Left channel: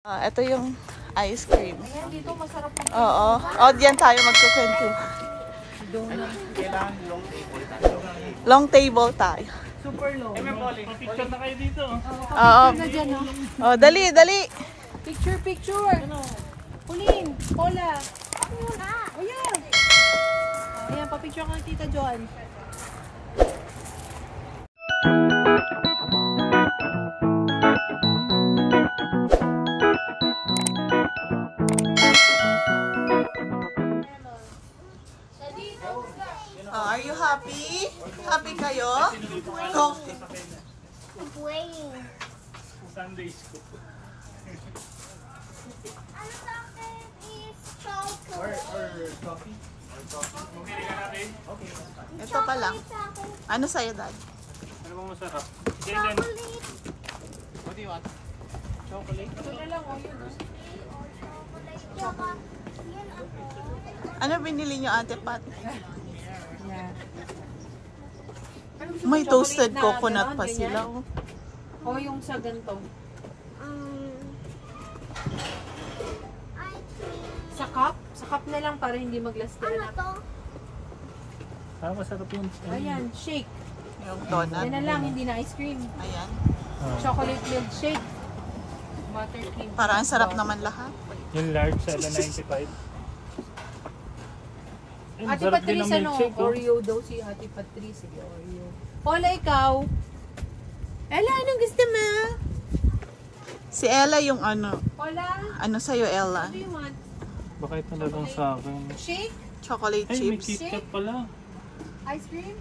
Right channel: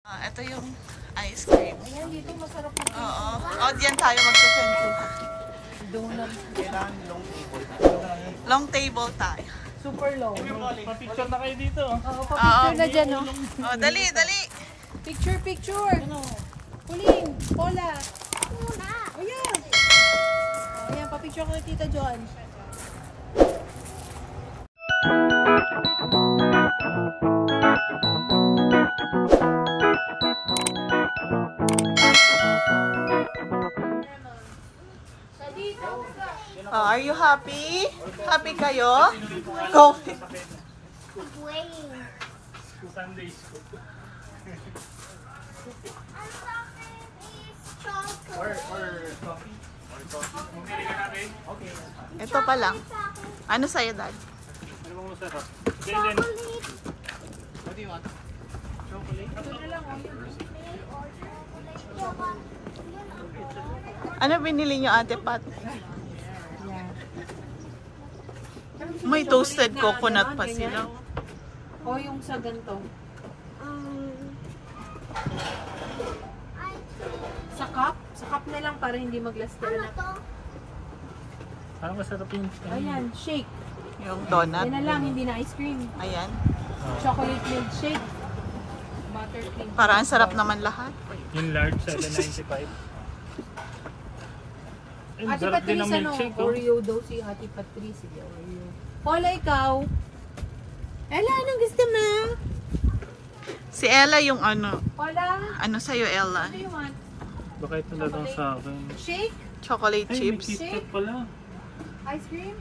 Ito yung ice cream. Ayan, dito masarap po. Oo. Diyan tayo magkukwento. Long table tayo. Super low. Picture na kayo dito. Picture na dyan, no? Dali, dali. Picture. Pauline, Paula. Ako muna. Ayan. Ayan, papicture ko ni Tita John. Are you happy? Happy kayo? Coffee. Sunday school. Ito pa lang. Ano sa'yo, Dad? Ano bang masarap? Chocolate. What do you want? Chocolate? Ito na lang, yun. Ano binili nyo, Ate Pat? Yan. May toasted coconut pa sila. O yung sa ganito. Sa cup? Sa cup na lang para hindi mag-last na. Ano to? Masarap yung... Ayan, shake. Yung donut. Yan na lang, hindi na ice cream. Ayan. Chocolate milkshake. Buttercream. Para ang sarap naman lahat. Yung large sa 95. Ate Patrice, ano? Oreo daw si Ate Patrice. Sige, Oreo. Paula, ikaw? Ella, anong gusto mo? Si Ella yung ano. Paula? Ano sa'yo, Ella? What do you want? Baka ito na lang sa akin. Shake? Chocolate Ay, may chips. KitKat pala. Ice cream?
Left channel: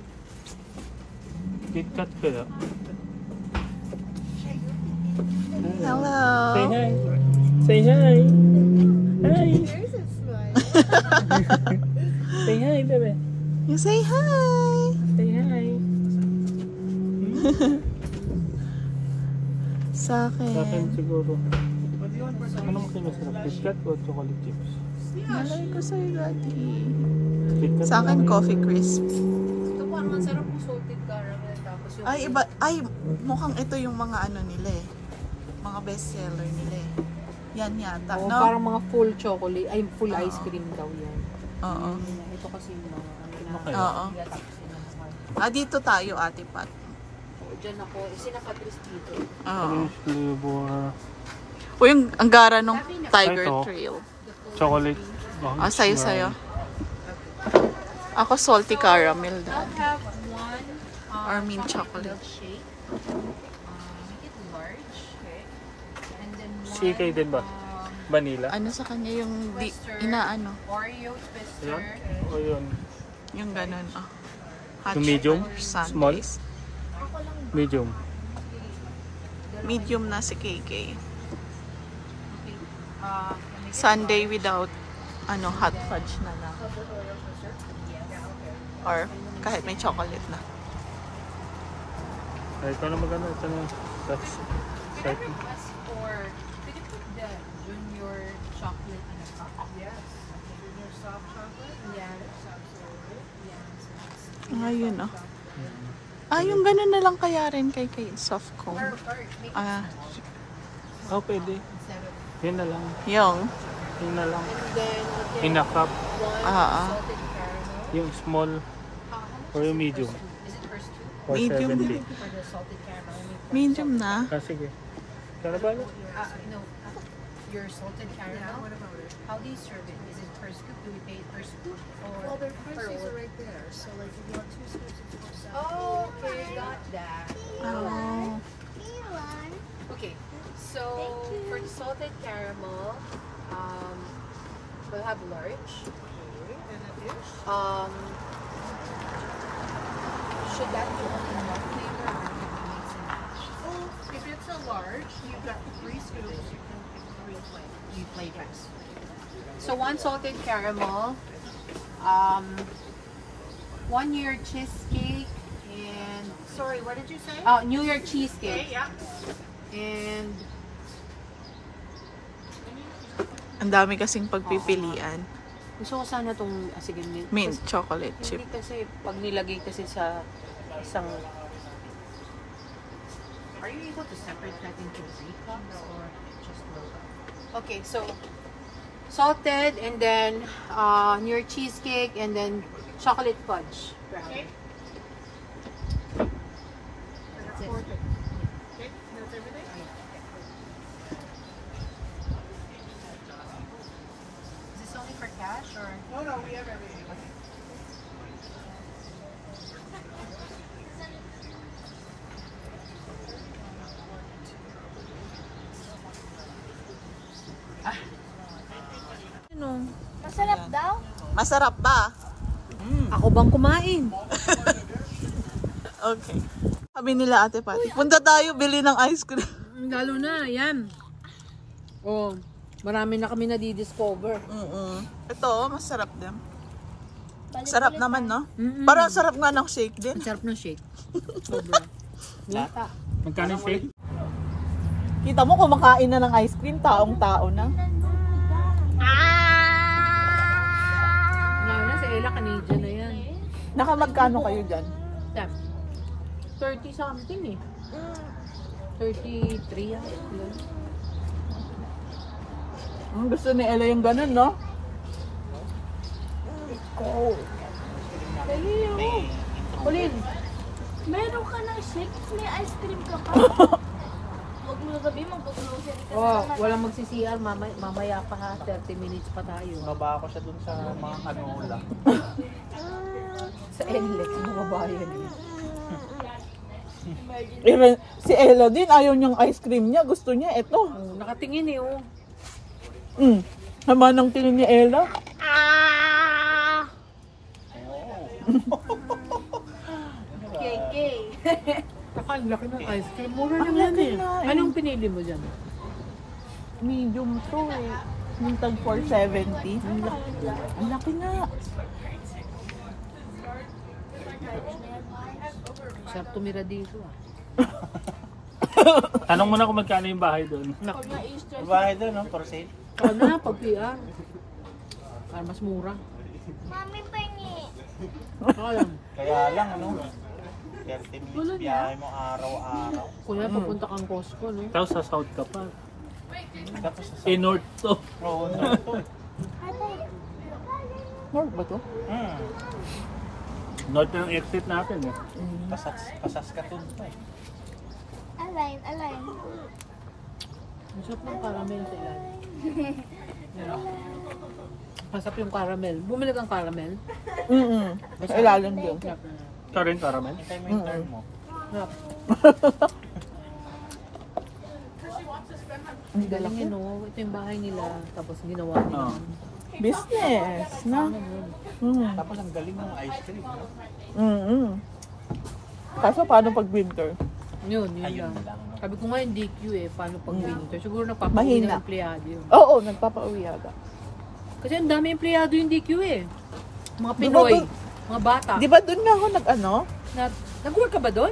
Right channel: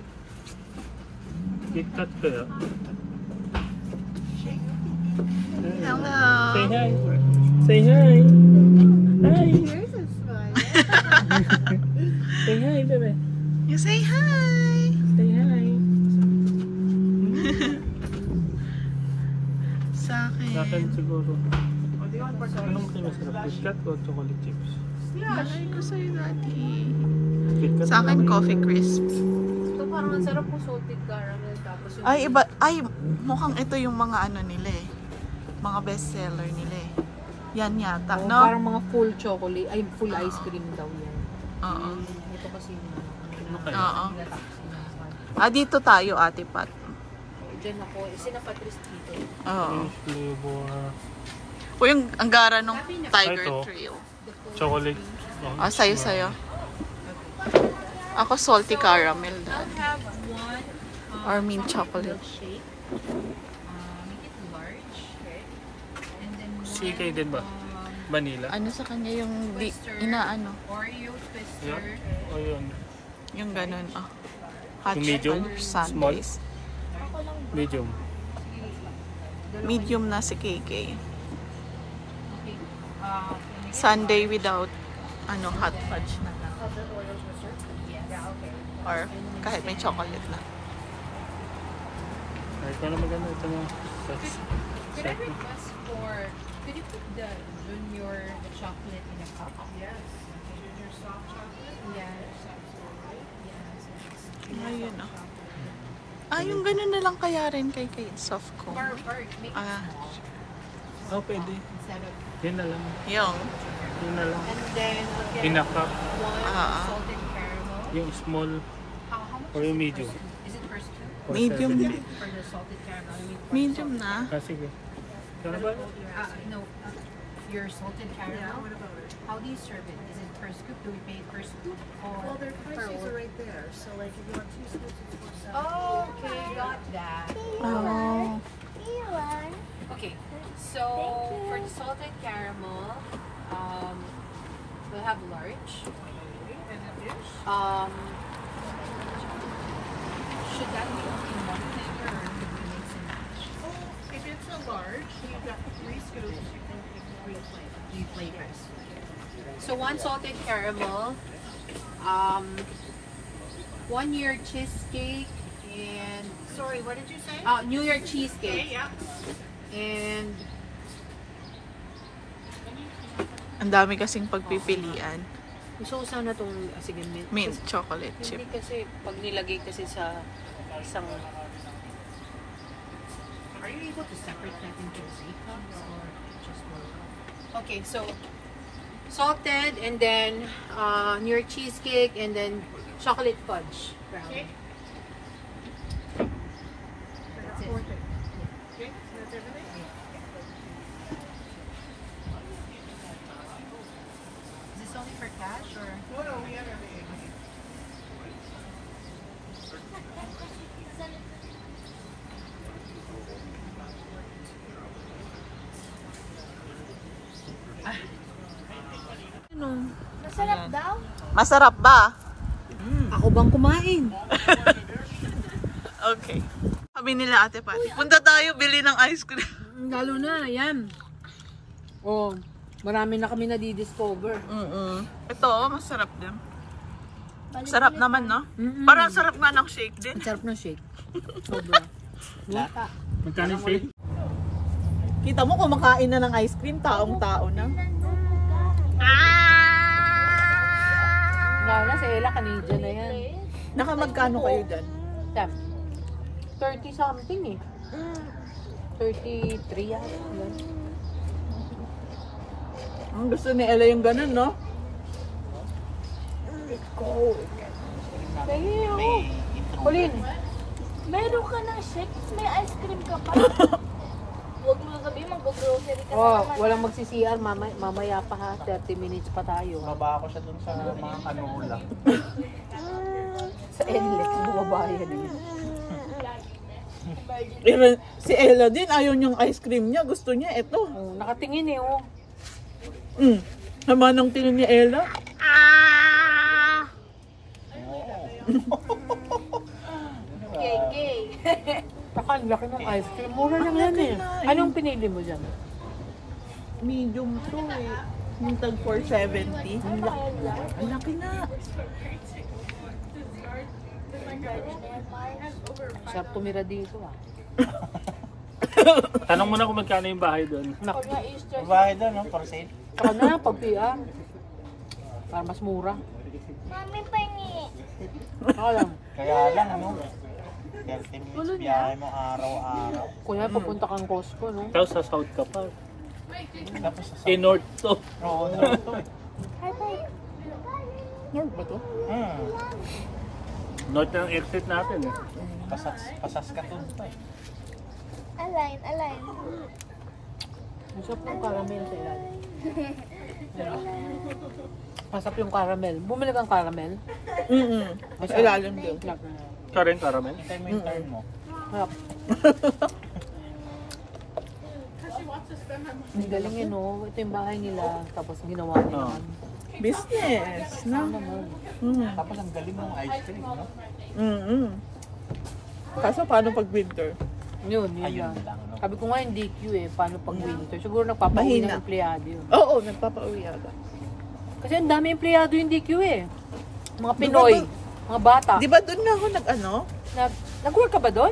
KitKat kaya. Hello. Say hi. Say hi. Hi. Yours is good. Say hi, bebe. You say hi. Say hi. Sa Sa akin akin. siguro. Ano mo kinasarap? KitKat o chocolate chips? Malay ko sa'yo, Daddy. KitKat Sa akin, coffee crisp. Ito parang ang sarap po salted caramel. Tapos yung... Ay, iba. Ay, mukhang ito yung mga ano nila eh. Mga bestseller nila eh. Yan yata, Oh, no? parang mga full chocolate. Ay, full ice cream daw yan. Oo. Ito kasi yung Oo. Dito tayo, Ate Pat. Diyan ako. Sinapatrice dito. Oo. Flavor. O yung anggara nung Tiger Ito. Trail. Chocolate. Sa'yo. Ako salty caramel, Daddy. Have one Or mint chocolate. shake. Make it large. And then one CK din ba? Vanilla? Ano sa kanya yung inaano? Oreo twister. Yan? O yun? Yung ganun, Hot Yung medium? chocolate sundaes. Medium. Medium na si KK. Okay. Sundae without hot fudge na lang. Or kahit may chocolate na. Ay, ito na maganda. Ito yung sex. Can I request for, could you put the junior chocolate in a cup? Yes. Junior soft chocolate? Yes. Ayun, yung ganun na lang kaya rin kay soft cone. Or Oh, pwede. Yan na lang. Yung. Yan na lang. and then, okay. In a cup. One salted caramel. Yung small How much or medium. is it per scoop? For Medium 70. na. For the salted caramel? Medium na. Sige. Kaya ba? No. Your salted caramel? How do you serve it? Is it per scoop? Do we pay per scoop? Or Well, their prices are right there. So, like, if you want 2 scoops, it's $4.70. Oh, okay, got that. Oh. Okay, so for the salted caramel, we'll have large. Should that be only in one flavor or can we mix and match? If it's a large, you've got 3 scoops. You can pick 3 flavors. Three flavors. So one salted caramel, 1 New York cheesecake, and Sorry, what did you say? New York cheesecake, yeah. and Ang dami kasing pagpipilian. gusto ko sana itong, sige, Mint chocolate chip. hindi kasi pag nilagay kasi sa isang, are you able to separate that into 3 cups or just one? Okay, so salted and then New York cheesecake and then chocolate fudge. Okay. That's it. Okay, that's everything? Is this only for cash or? No, we have everything. Ano? Masarap Ayan. daw? Masarap ba? Ako bang kumain? Okay. Sabi nila Ate Patty, punta tayo bili ng ice cream. Lalo na, yan. Oh, marami na kami nadidiscover. Ito, masarap din. Sarap naman, no? Parang sarap nga ng shake din. Ang sarap ng shake. Sobra. Lata. Magkano yung shake? Kita mo, kumakain na ng ice cream, taong-tao na. Na si Ella, Canadian na yan. Nakamagkano kayo dyan? Tap. 30 something eh. 33 yan. Gusto ni Ella yung ganun, no? Pauline, Meron ka ng shake, may ice cream ka pa. Huwag mo sabihin, mag-grocery ka wow, naman. walang magsi-CR, mamaya pa ha, 30 minutes pa tayo. Baba ako siya dun sa mga kanola. Sa NLEX, bumaba yan. Si Ella din, ayaw niyang ice cream niya. Gusto niya ito. Oh, nakatingin eh, oh. Sama ng tingin ni Ella. Gay. Takal, laki ng ice cream. Mura lang yan eh. Anong pinili mo dyan? Medium to eh. Yung tag 470. Ang laki na. Sarap tumira dito ah. Tanong mo na kung magkano yung bahay doon. Pag na-Easter, Bahay doon, no? For sale? Saka na, pag PR. Para mas mura. Mami, pahingi. Saka lang. Kaya lang, ano? 30 minutes biyahe mo araw-araw. Kuya, papunta kang Costco, no? Tapos sa south ka pa. Tapos sa Eh, north to. Oo, no, ito. Hi, bye. North ba to? North na ang exit natin eh. Pasaskatoon to eh. Align. Masarap yung caramel sa ilan. Masarap yung caramel. Bumili kang caramel? Mas ilalim din. Masarap na. Ito rin, caramel. Hintay mo yung turn mo. Masarap. Ang galing yun, no? Ito yung bahay nila. Tapos ginawa nila. Oo. Business, no? Ano naman? Tapos ang galing ng ice cream, no? Kaso paano pag winter? Yun Ayun lang. lang, no? Sabi ko nga yung DQ eh. Paano pag winter? Siguro nagpapauwi Mahina. ng empleyado yun. Oo, nagpapauwi yata. Kasi ang dami empleyado yung DQ eh. Mga Pinoy. Mga bata. Di ba doon nga ako Nag-work ka ba doon?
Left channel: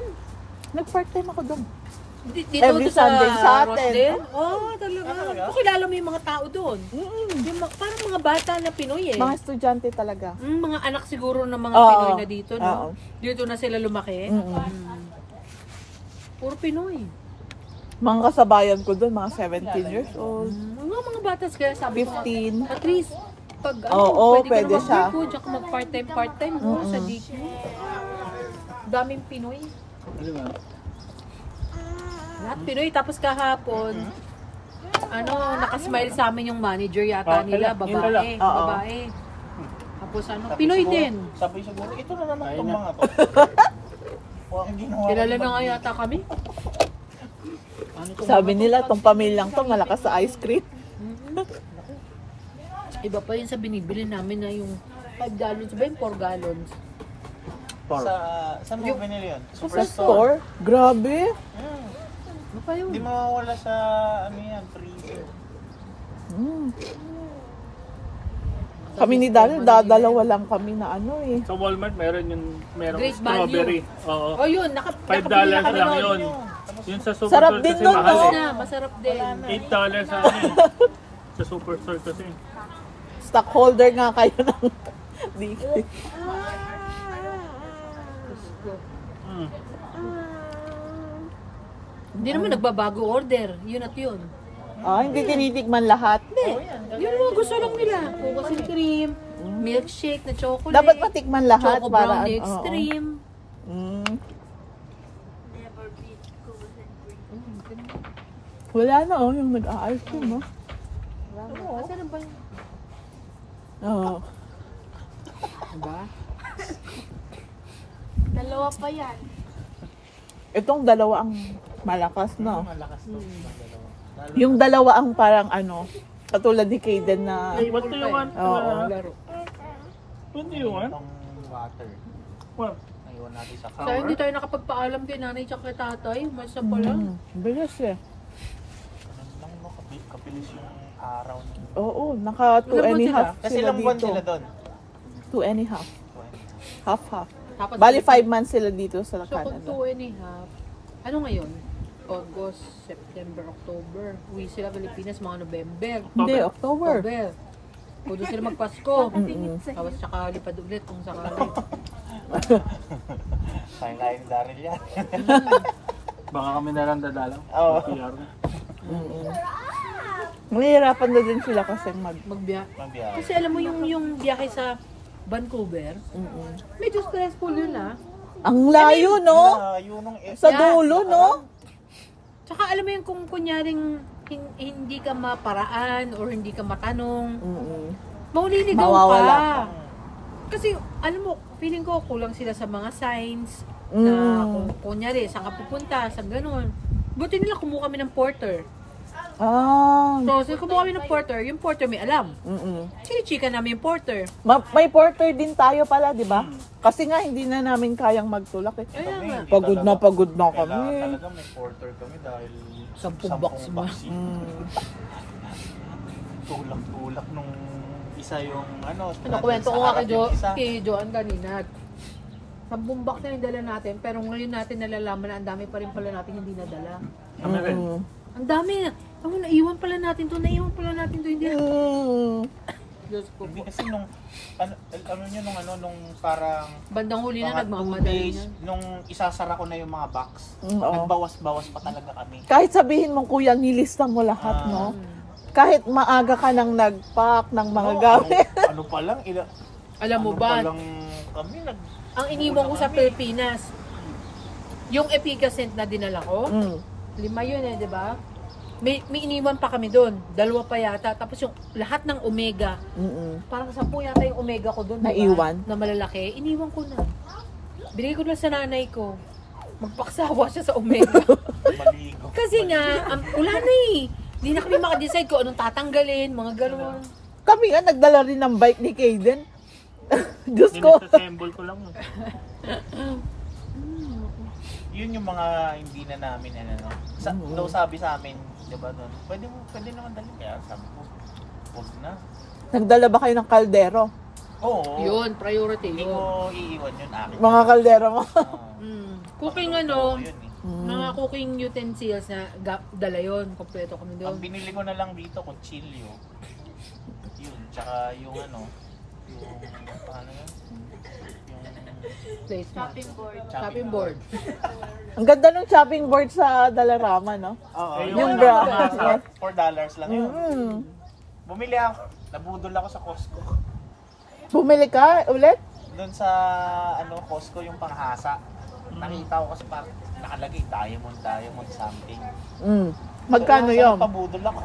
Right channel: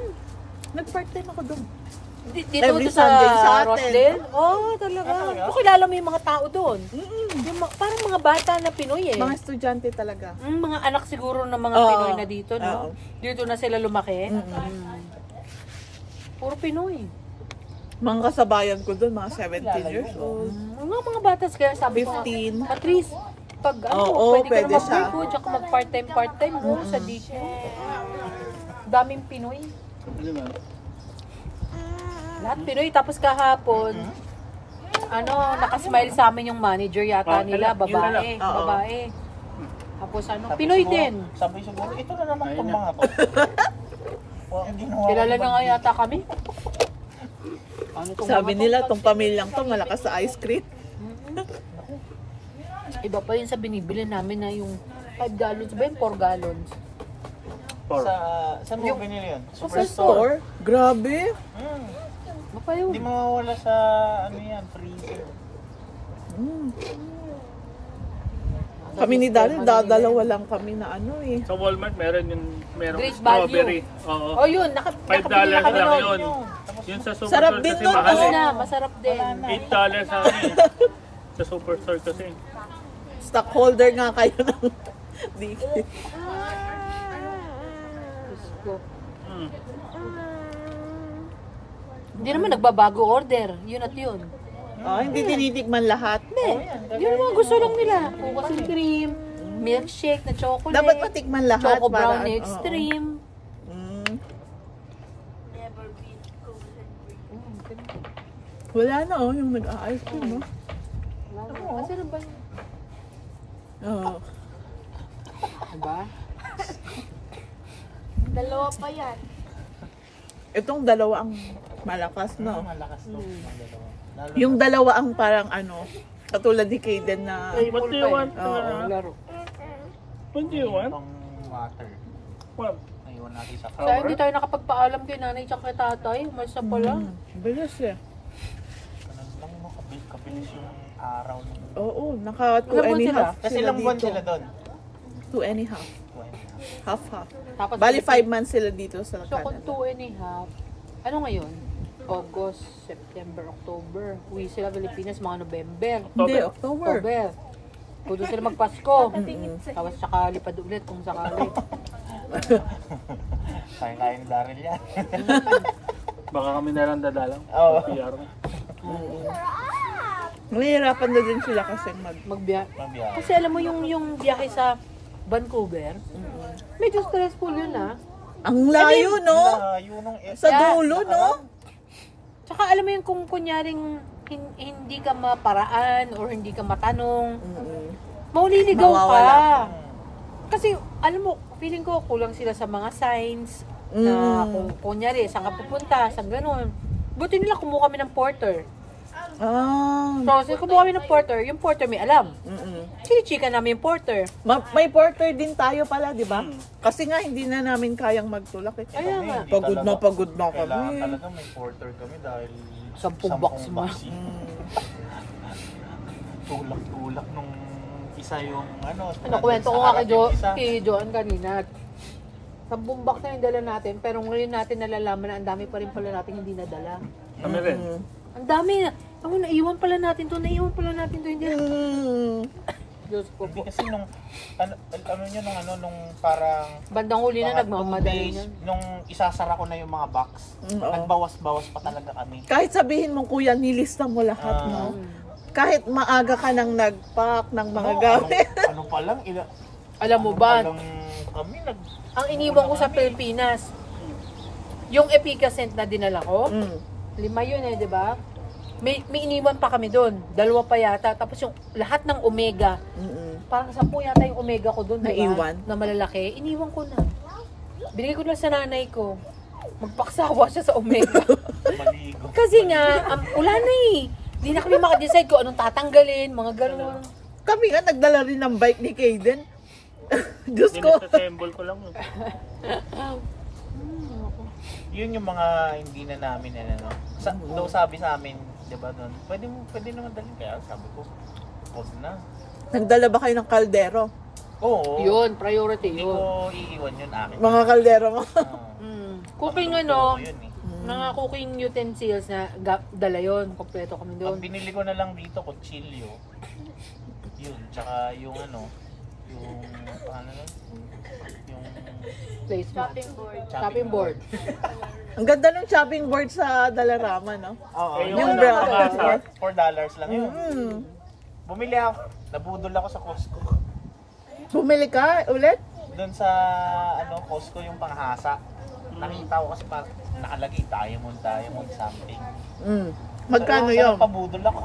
nag-part-time ako doon. Dito Every sa Sunday sa atin. Rosdale? Oo, talaga. Kilala mo yung mga tao doon. Yung parang mga bata na Pinoy eh. Mga estudyante talaga. Mga anak siguro ng mga Oo. Pinoy na dito, no? Oo. Dito na sila lumaki. Puro Pinoy. Mga kasabayan ko doon, mga 17 years old. Mga batas kaya sabi ko nga, 15. at least, pag Oo, pwede pwede ka siya. na mag-work, tsaka mag-part-time mo sa dito. Daming Pinoy. Ano ba? Lahat Pinoy. Tapos kahapon, nakasmile sa amin yung manager yata nila, yun talaga. babae. Oo. Babae. Tapos Pinoy din. Sabi siguro, ito na naman Ayun itong na. mga to. Ang ginawa ko Kilala ba? na nga yata kami. Sabi nila, tong pamilyang to, malakas sa ice cream. Iba pa yun sa binibili namin na yung 5 gallons ba yung 4 gallons? Saan mo binili yun? Sa store? Grabe. Ano pa yun? Hindi mawawala sa, ano yan, freezer. Kami ni Daniel, dadalawa lang kami na Sa Walmart, merong Great strawberry. Oo. Oh yun, $5 lang yun. Yun sa Sarap superstore din kasi nun, mahal no? eh. Masarap din. $8 sa akin. Sa superstore kasi. stockholder nga kayo ng DQ. Hindi naman nagbabago order. Yun at yun. Hindi tinitikman lahat. Yung mga gusto lang nila. Cookies and cream, milkshake na chocolate. Dapat matikman lahat. Choco para, brownie extreme. Never beat Cookies and cream. Wala na yung nag-a-ice cream, no? Kasi ano ba yun? Oo. Diba? Dalawa pa yan. Itong dalawa ang malakas, no? Malakas to. Dalawa. Yung dalawa ang parang katulad ni Kaden na... What do you want? Laro. What do you want? Itong water. What? Naiwan natin sa Kaya hindi tayo nakapagpaalam kay nanay tsaka kay tatay. Umasa pala. Bilis eh. Ganun lang, no? Kabilis yung araw ng... Oo, naka 2 Ilang and a buwan half Kasi sila ilang buwan dito. sila doon? 2 and a half. Half-half. Tapos Bali 5 months sila dito sa So kung Canada. 2 and a half, ano ngayon? August, September, October. Uwi sila Pilipinas mga November. Hindi, October. October. Pwede sila magpasko. Tapos saka lipad ulit kung sakali. Kain-kain ni Daryl yan. Baka kami na lang dadalang. Oo. PR. Mahirapan na din sila kasi Magbiya. Mabiyahe. Kasi alam mo yung biyahe sa Vancouver, medyo stressful yun Ang layo, no? Yun ang Sa dulo, no? Tsaka alam mo yung kung kunyaring hindi ka maparaan or hindi ka matanong, mauliligaw Mawawala. ka. Kasi alam mo, feeling ko kulang sila sa mga signs na kung kunyari, saan ka pupunta, saan ganun. Buti nila kumuha kami ng porter. So kumuha kami ng porter, yung porter may alam. Chinichika namin yung porter. May porter din tayo pala, di ba? Kasi nga hindi na namin kayang magtulak eh. Kaya nga. Pagod na Kailangan kami. talaga may porter kami dahil 10 box mo. Tulak-tulak nung isa yung Kwento ko nga isa. kay Joan kanina. 10 box na yung dala natin, pero ngayon natin nalalaman na ang dami pa rin pala natin hindi nadala. Kami rin. Ang dami na. Ako, naiwan pala natin to, hindi. Diyos ko Hindi po. kasi nung nyo nung parang Bandang huli na mga nagmamadali 2 days, nun. nung isasara ko na yung mga box, nagbawas-bawas pa talaga kami. Kahit sabihin mong kuya, nilista mo lahat, no? Kahit maaga ka nang nag-pack ng mga gamit. Ano pa lang, Alam mo ba, lang kami ang iniwan ko sa Pilipinas, yung Epicacent na dinala ko, 5 yun di ba? May iniwan pa kami doon. 2 pa yata. Tapos yung lahat ng Omega, parang 10 yata yung Omega ko doon. Naiwan? Na malalaki. Iniwan ko na. Binigay ko na sa nanay ko. Magpaksawa siya sa Omega. maligo. Kasi nga, wala na eh. Hindi na kami makadecide kung anong tatanggalin, mga gano'n. Kami nga, nagdala rin ng bike ni Kaden. Diyos ko. Dinasassemble ko lang. Yun yung mga hindi na namin daw sabi sa amin, 'di ba noon? Pwede naman dalhin kaya sabi ko. Wag na. Nagdala ba kayo ng kaldero? Oo. Yun, priority Hindi yun. ko iiwan yun amin. Mga kaldero mo. Cooking Yun eh. mga cooking utensils na dala yun. Kompleto kami Ang doon. binili ko na lang dito, kutsilyo. Yun, tsaka yung yung paano yun? Yung Place Shopping board. Shopping board. Ang ganda ng shopping board sa Dalarama, no? Oo, Eh, yung yung bra- pangasa. $4 lang yun. Bumili ako, nabudol ako sa Costco. Bumili ka ulit? Doon sa Costco yung panghasa. Nakita ko kasi parang nakalagay diamond something. Magkano Pero yun? pabudol ako.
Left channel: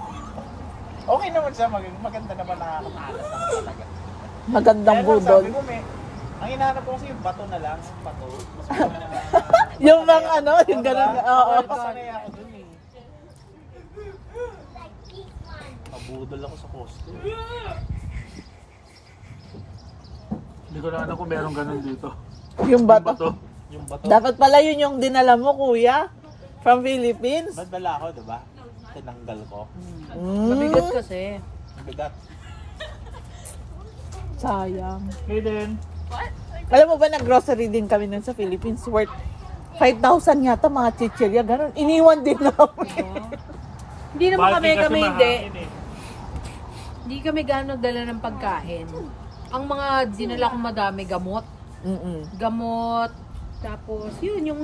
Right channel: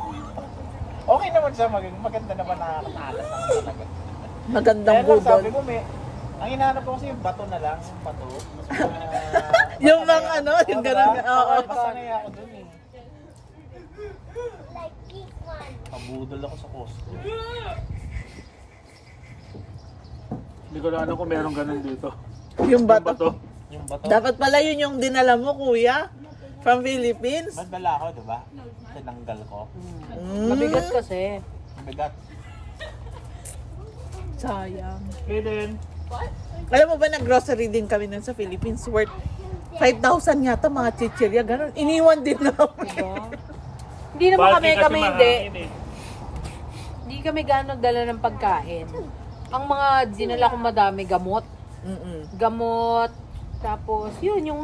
Okay naman siya, maganda naman, nakakatalas naman talaga. Magandang Kaya lang, budol. sabi ko, ang hinahanap ko kasi yung bato na lang, yung bato. Gusto ko na, Yung mga yung gano'n. Oo. Sanay ako dun eh. Pabudol ako sa Costco. Hindi ko lang alam kung meron ganun dito. Yung Yung bato. bato. Yung bato. Dapat pala yun yung dinala mo, kuya. From Philippines. Nagdala ako, diba? Tinanggal ko. Mabigat kasi. Ang bigat. Sayang. Hey then. Alam mo ba, nag-grocery din kami nun sa Philippines. Worth 5,000 yata mga chichirya. Ganon. Iniwan din namin. Hindi naman kami hindi. mahangin eh. Hindi kami gano'ng nagdala ng pagkain. Ang mga dinala kong madami, gamot. Gamot, Tapos, yun, yung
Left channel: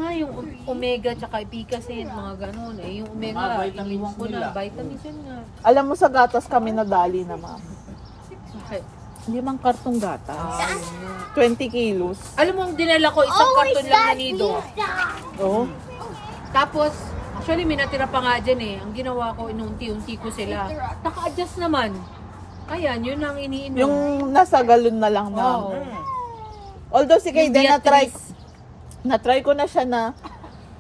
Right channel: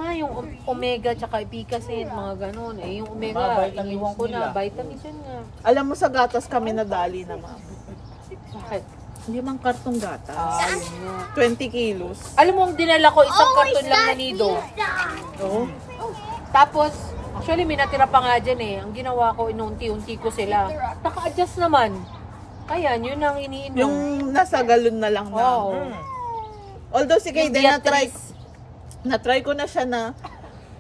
omega tsaka epicacin, mga ganun. Eh, yung omega, Mga vitamins iniwan ko na, nila. vitamins yun nga. Alam mo sa gatas kami nadali na, ma'am. Bakit? 5 kartong gatas. Yun nga. 20 kilos. Alam mo, ang dinala ko, isang karton lang na nido. Oh. Tapos, actually, may natira pa nga dyan eh. Ang ginawa ko, inunti-unti ko sila. Naka-adjust naman. Ayan, yun ang iniinom. Yung nasa galon na lang na. Oo. Although si Yung Kayden, Beatrice. na-try ko na siya na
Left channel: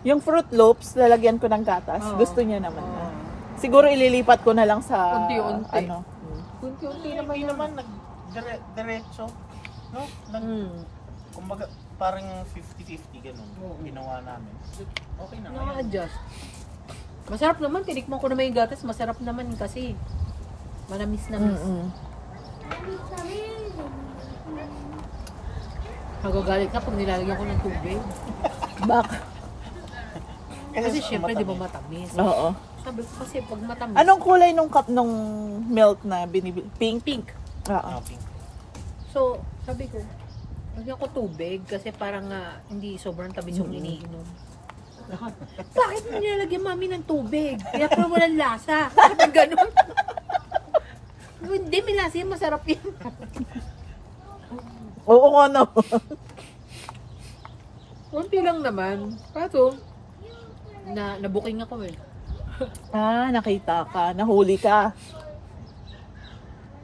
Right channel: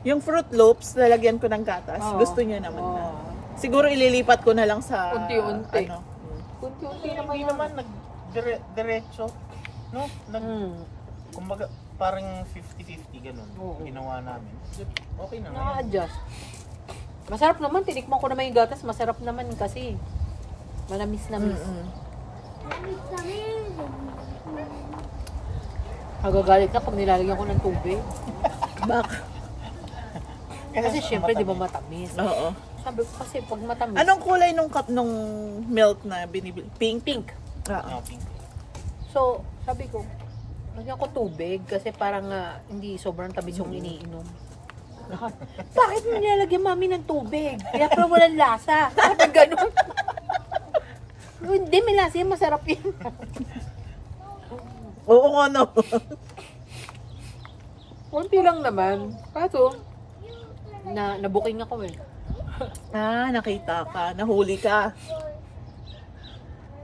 yung Fruit Loops, lalagyan ko ng gatas. Oo. Gusto niya naman. Oo. Siguro ililipat ko na lang sa Unti-unti. ano. Unti-unti naman Hindi yun. naman diretso. No? Kumbaga, parang 50-50 ganun. Oo. Ginawa namin. Okay naman. Naka-adjust. Masarap naman, tinikman ko naman yung gatas. Masarap naman kasi. Manamis-namis. Magagalit ka pag nilalagyan ko ng tubig. Bak. Kasi syempre, di ba matamis? Oo. Sabi ko kasi pag matamis. Anong kulay nung cup nung milk na binibili? Pink? Pink. Oo. Pink. So, sabi ko, lagyan ko tubig kasi parang hindi sobrang tamis yung iniinom. Bakit mo nilalagyan mami ng tubig? Kaya pero walang lasa. Bakit ganun? Hindi, may lasa yan. Masarap yun. Oo nga no. Kunti lang naman. Kaso, nabuking ako eh. Nakita ka. Nahuli ka.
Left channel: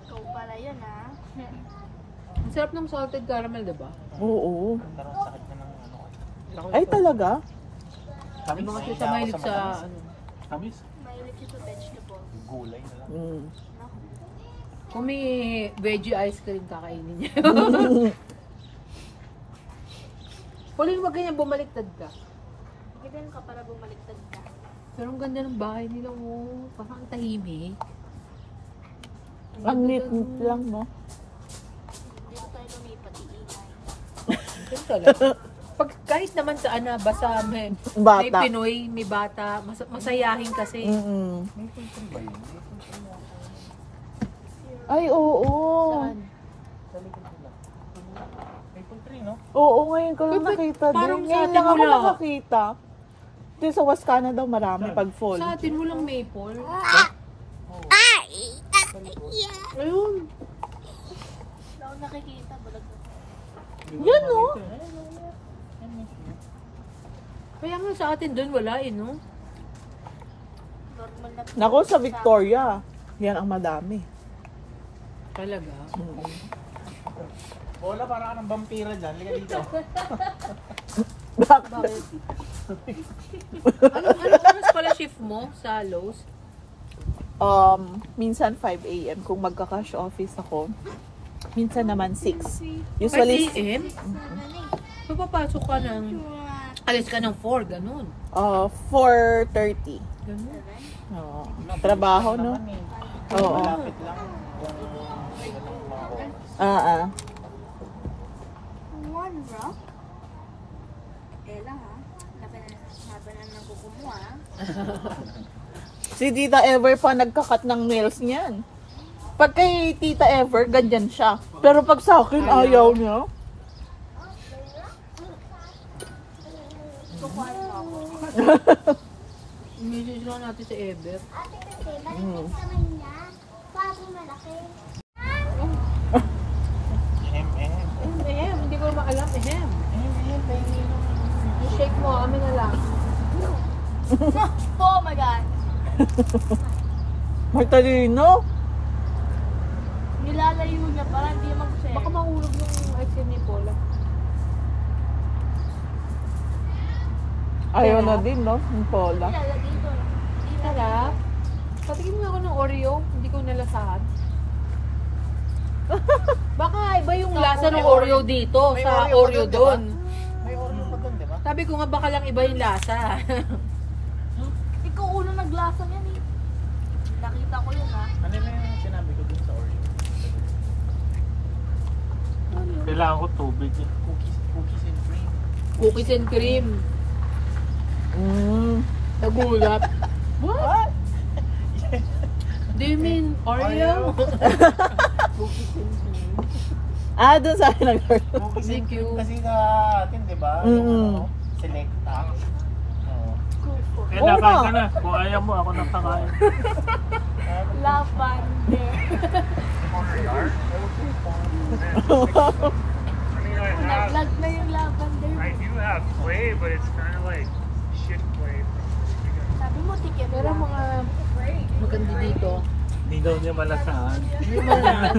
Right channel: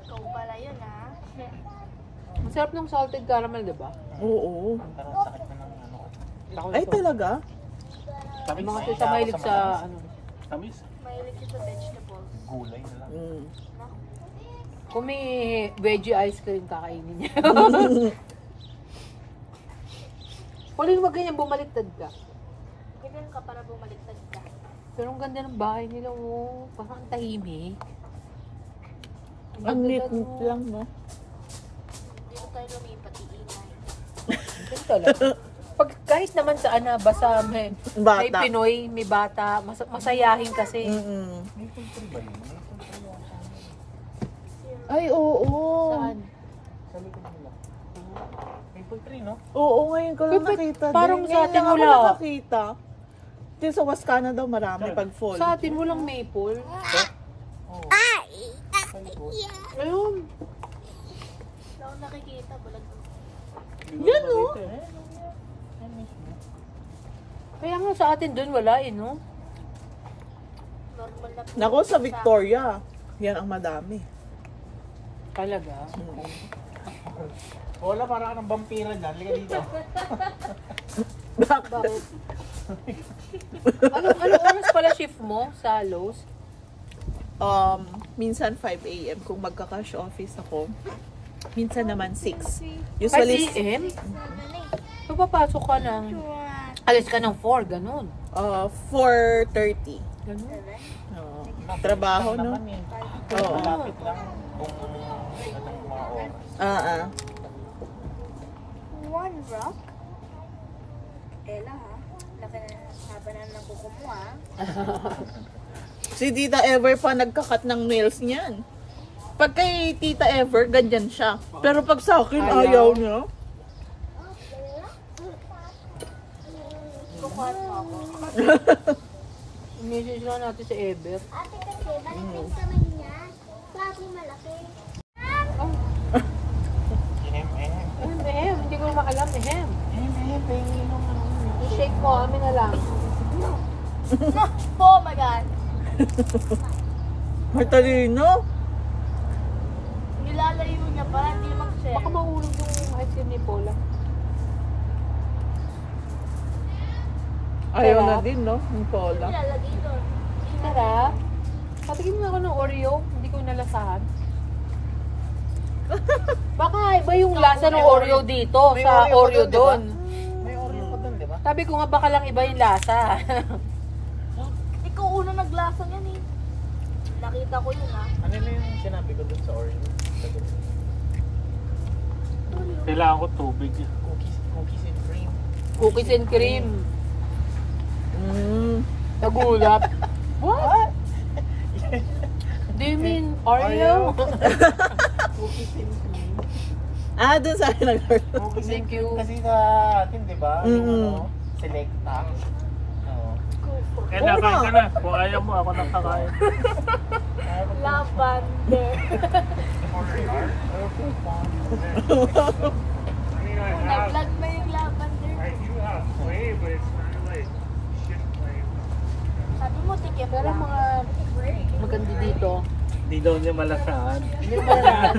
Ikaw pala yun, ha? Ang sarap ng salted caramel, diba? Oo. Pero sakit na ng ano. Ay talaga? Tamis? Mga tita mahilig sa ano. Tamis? Mahilig siya sa vegetable. Gulay na lang. Mm. Kung may veggie ice cream, kakainin niya. Pauline, wag ganyan, bumaliktad ka. Ganyan ka para bumaliktad ka. Pero ang ganda ng bahay nila, oh. Parang ang tahimik. Ang ganda neat nun. lang, no? Dito tayo lumipat, iingay. Ganun talaga. Pag kahit naman sa basta may Bata. Pinoy, may bata, masayahin kasi. Mm-mm. May filter ba yun? May filter ba? Ay, oo. Saan? Sa likod nila. May filter no? Oo, ngayon ko lang Pero nakita parang din. sa Ngayon atin lang ako wala. nakakita. Dito sa Wascana daw marami pag fall. Sa atin walang maple. Ayun. Wala akong nakikita, balag ako. Yan, no? Kaya nga sa atin doon wala eh, no? Normal na po. Nako sa Victoria. Yan ang madami. Talaga. Wala, parang ka ng vampira dyan. Liga dito. Bakit? Anong oras pala shift mo sa Lowe's? Minsan 5 a.m. kung magka-cash office ako. Minsan naman 6. 5 Usually, a.m.? So papasok ka ng, alis ka ng 4, ganun. 4:30. Ganun. Oo. Trabaho, no? Naman eh. Oo. Malapit lang kung ilang mga oras. One rock. Ella, ha? Laki na haba na ng kuko mo, ha? Si Tita Ever pa nagkakat ng nails niyan. Pag kay Tita Ever, ganyan siya. Pero pag sa akin, ayaw niya. Kukuhan mo ako. Message lang natin sa Ever. Ate kasi, malapit naman yan. Bago malaki. Hindi ko naman alam, Yung shake mo, amin na lang. Oh my God! Martalino? Nilalayo niya para hindi mag-share. Baka mahulog yung ice cream ni Paula. Ayaw Sarap. na din, no? Yung Paula. Nilalagay ko. Sarap. Patikin mo ako ng Oreo, hindi ko nalasahan. Baka iba yung lasa ng Oreo dito, sa Oreo doon. May Oreo pa doon, di ba? Sabi ko nga baka lang iba yung lasa. Ikaw uno naglasa niyan eh. Nakita ko yun, ha? Ano na yung sinabi ko dun sa Oreo? Kailangan ko tubig. Cookies and cream. Cookies and cream. Nagulat. What? Do you mean Oreo? Cookies and cream. Doon sa akin nag-order. Cookies and Thank you. cream kasi sa atin, di ba? ba? Mm. Selecta. Oo. Kaya nakain ka na. Kung ayaw mo, ako nakakain. Lavender. Nag-vlog na yung lavender. I do have clay, but it's kind of like shit clay from Sabi mo, tiket Pero lang. mga maganda dito. Hindi daw niya malasahan. Hindi mo lang.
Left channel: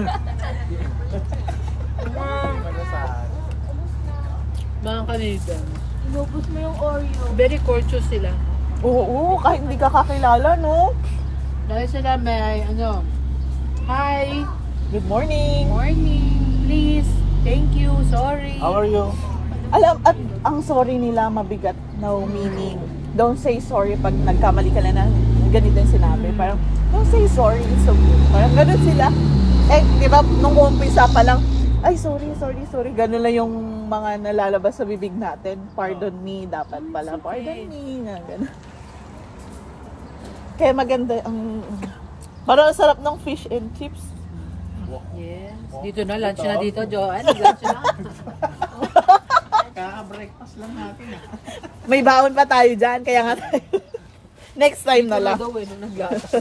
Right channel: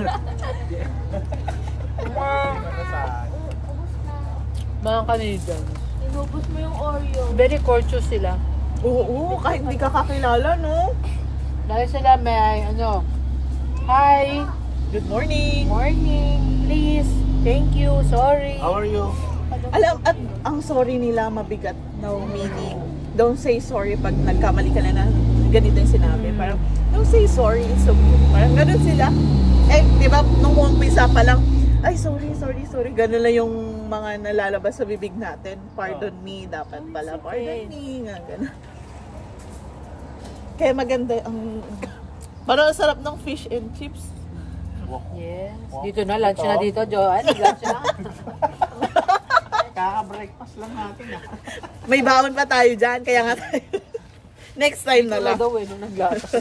Mga Canadian. Inubos mo yung Oreo. Very courteous sila. Oo, kahit hindi ka kakilala, no? Dahil sila may, hi, Good morning! morning, please, thank you, sorry. How are you? Alam, at ang sorry nila mabigat, no meaning. Don't say sorry pag nagkamali ka na ganito yung sinabi. Parang, don't say sorry, it's okay. Parang ganun sila. Eh, di ba, nung umpisa pa lang, ay, sorry. Ganun lang yung mga nalalabas sa bibig natin. Pardon me, dapat pala. Pardon me, nga, ganun. Kaya maganda, parang ang sarap ng fish and chips. Yes, dito na, lunch na dito, Joanne, lunch na. Kaka-breakfast lang natin. May baon pa tayo dyan, kaya nga tayo. Next time na lang. Daw eh, nung naglakas.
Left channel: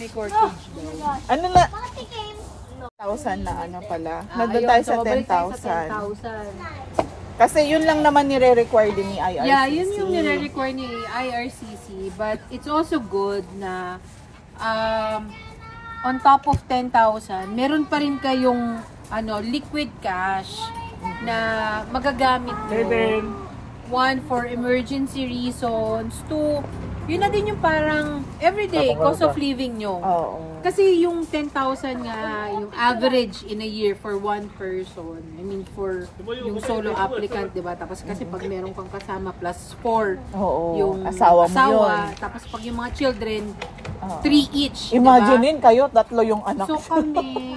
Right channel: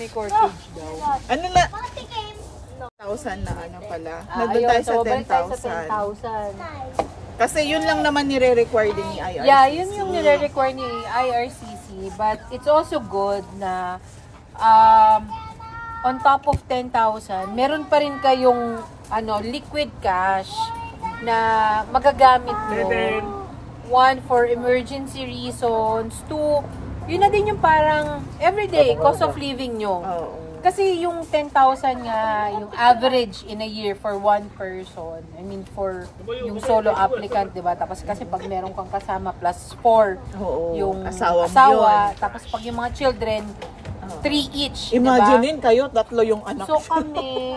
May corkage daw. Ano na? Pati game. 1,000 na ano pala. Ah, Nandun ayun, tayo sa so, balik tayo sa 10,000. 10,000. Kasi yun lang naman nire-require din ni IRCC. Yeah, yun yung nire-require ni IRCC. But it's also good na on top of 10,000, meron pa rin kayong liquid cash na magagamit mo. One, for emergency reasons. Two, yun na din yung parang everyday cost of living nyo. Oo. Kasi yung 10,000 nga, yung average in a year for one person, I mean for yung solo applicant, diba? Tapos kasi pag meron kang kasama plus 4, Oo. yung Asawa mo yun. Tapos pag yung mga children, Oo. 3 each, Imaginein kayo, 3 yung anak. diba? So kami,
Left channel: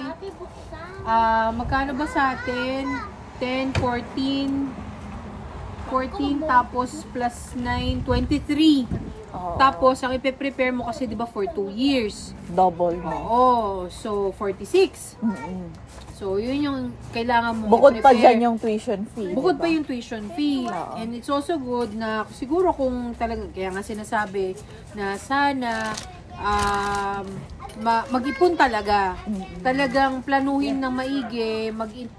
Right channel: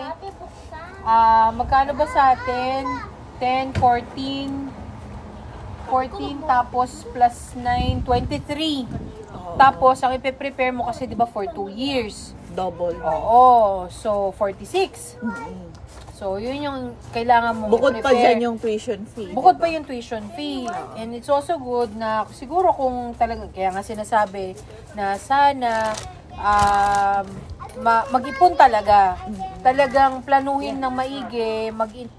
magkano ba sa atin? 10, 14, tapos plus 9, 23. Tapos, ang ipe-prepare mo kasi, di ba, for 2 years. Double. Oo. So, 46. Mm-mm. So, yun yung kailangan mo Bukod pa i-prepare. dyan yung tuition fee. Bukod diba? pa yung tuition fee. And it's also good na, siguro kung talaga, kaya nga sinasabi na sana, mag-ipon talaga. Talagang planuhin ng maigi,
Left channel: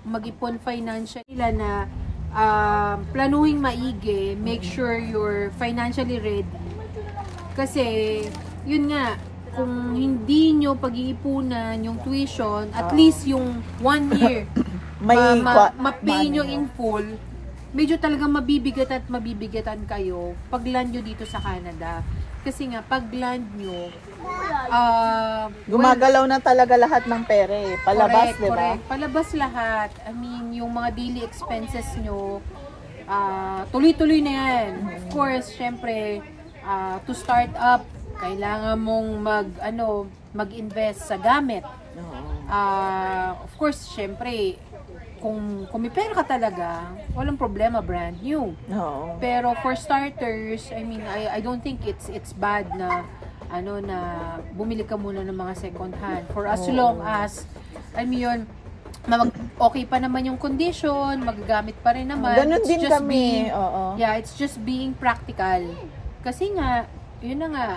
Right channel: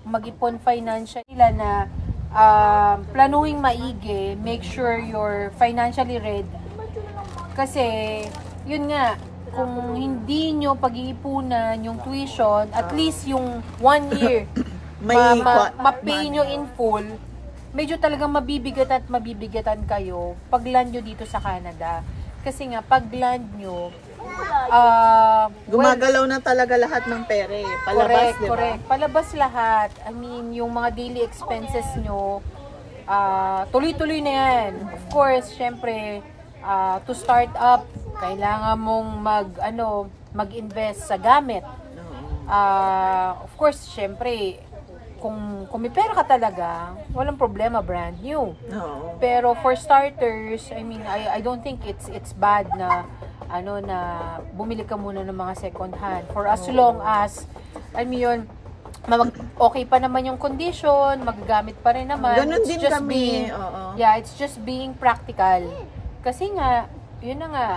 mag-ipon financial na planuhin maigi, make sure you're financially ready. Kasi, yun nga, kung hindi nyo pag-iipunan yung tuition, at least yung 1 year, ma-pay nyo in full, medyo talagang mabibigatan kayo pag land nyo dito sa Canada. Kasi nga, pag land nyo, gumagalaw na talaga lahat ng pera eh. Palabas, di ba? Correct. Palabas lahat. I mean, yung mga daily expenses nyo, tuloy-tuloy na yan. Of course, syempre, to start up, kailangan mong mag-invest sa gamit. Of course, syempre, kung may pera ka talaga, walang problema, brand new. Oo. Pero for starters, I mean, I don't think it's bad na na bumili ka muna ng mga second hand for as long as okay pa naman yung condition, magagamit pa rin naman. Ganun din kami. Yeah, it's just being practical. Kasi nga, yun na nga,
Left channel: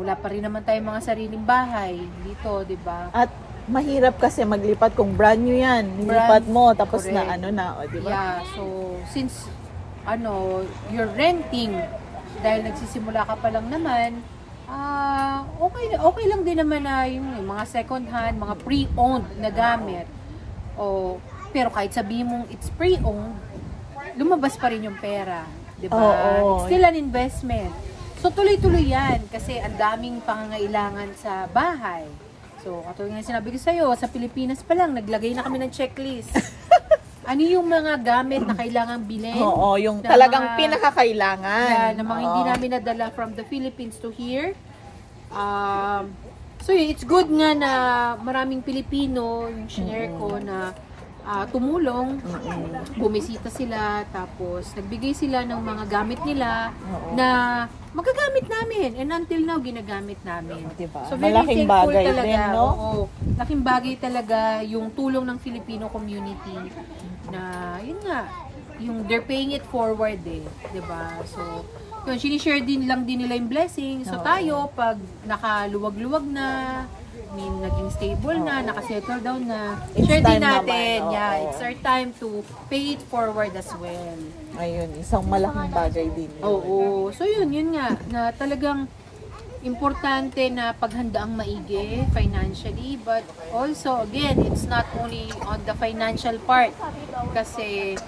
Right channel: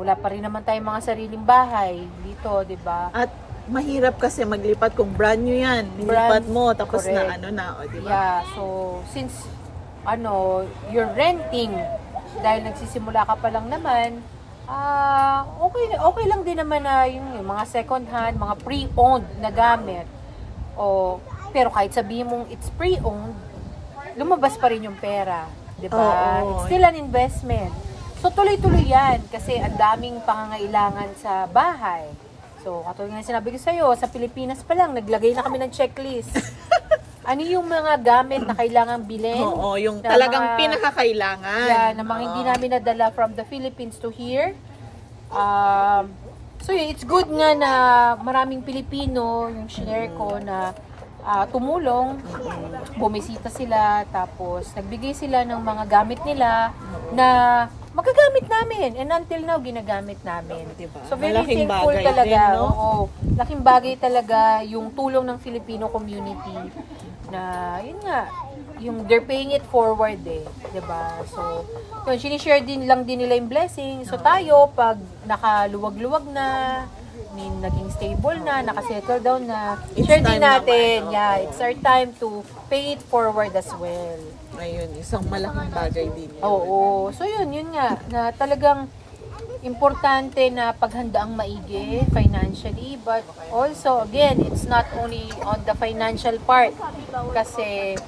wala pa rin naman tayong mga sariling bahay dito, di ba? At mahirap kasi maglipat kung brand new yan. Nilipat mo, tapos correct. di ba? Yeah, so, since, you're renting, dahil nagsisimula ka pa lang naman, okay lang din naman na yung mga second hand, mga pre-owned na gamit. Pero kahit sabihin mong it's pre-owned, lumabas pa rin yung pera. Diba? It's still an investment. So, tuloy-tuloy yan kasi ang daming pangangailangan sa bahay. So, katulad nga sinabi ko sa'yo, sa Pilipinas pa lang, naglagay na kami ng checklist. Ano yung mga gamit na kailangan bilhin? Oo, yung na talagang mga, pinakakailangan. Yeah, na mga hindi namin nadala from the Philippines to here. So, it's good nga na maraming Pilipino, yung share ko na tumulong, bumisita sila, tapos nagbigay sila ng mga gamit nila na magagamit namin. And until now, ginagamit namin. Diba? So, very Malaking thankful bagay talaga. din, no? Oo, laking bagay talaga yung tulong ng Filipino community na, yun nga, yung they're paying it forward diba? So, yun, sinishare din nila yung blessing. So, tayo, pag nakaluwag-luwag na, naging stable na, nakasettle down na, share din natin. It's our time to pay it forward as well. Ayun, isang malaking bagay din. Oo. So, yun nga, na talagang importante na paghandaang maigi financially, but also, again, it's not only on the financial part. Kasi,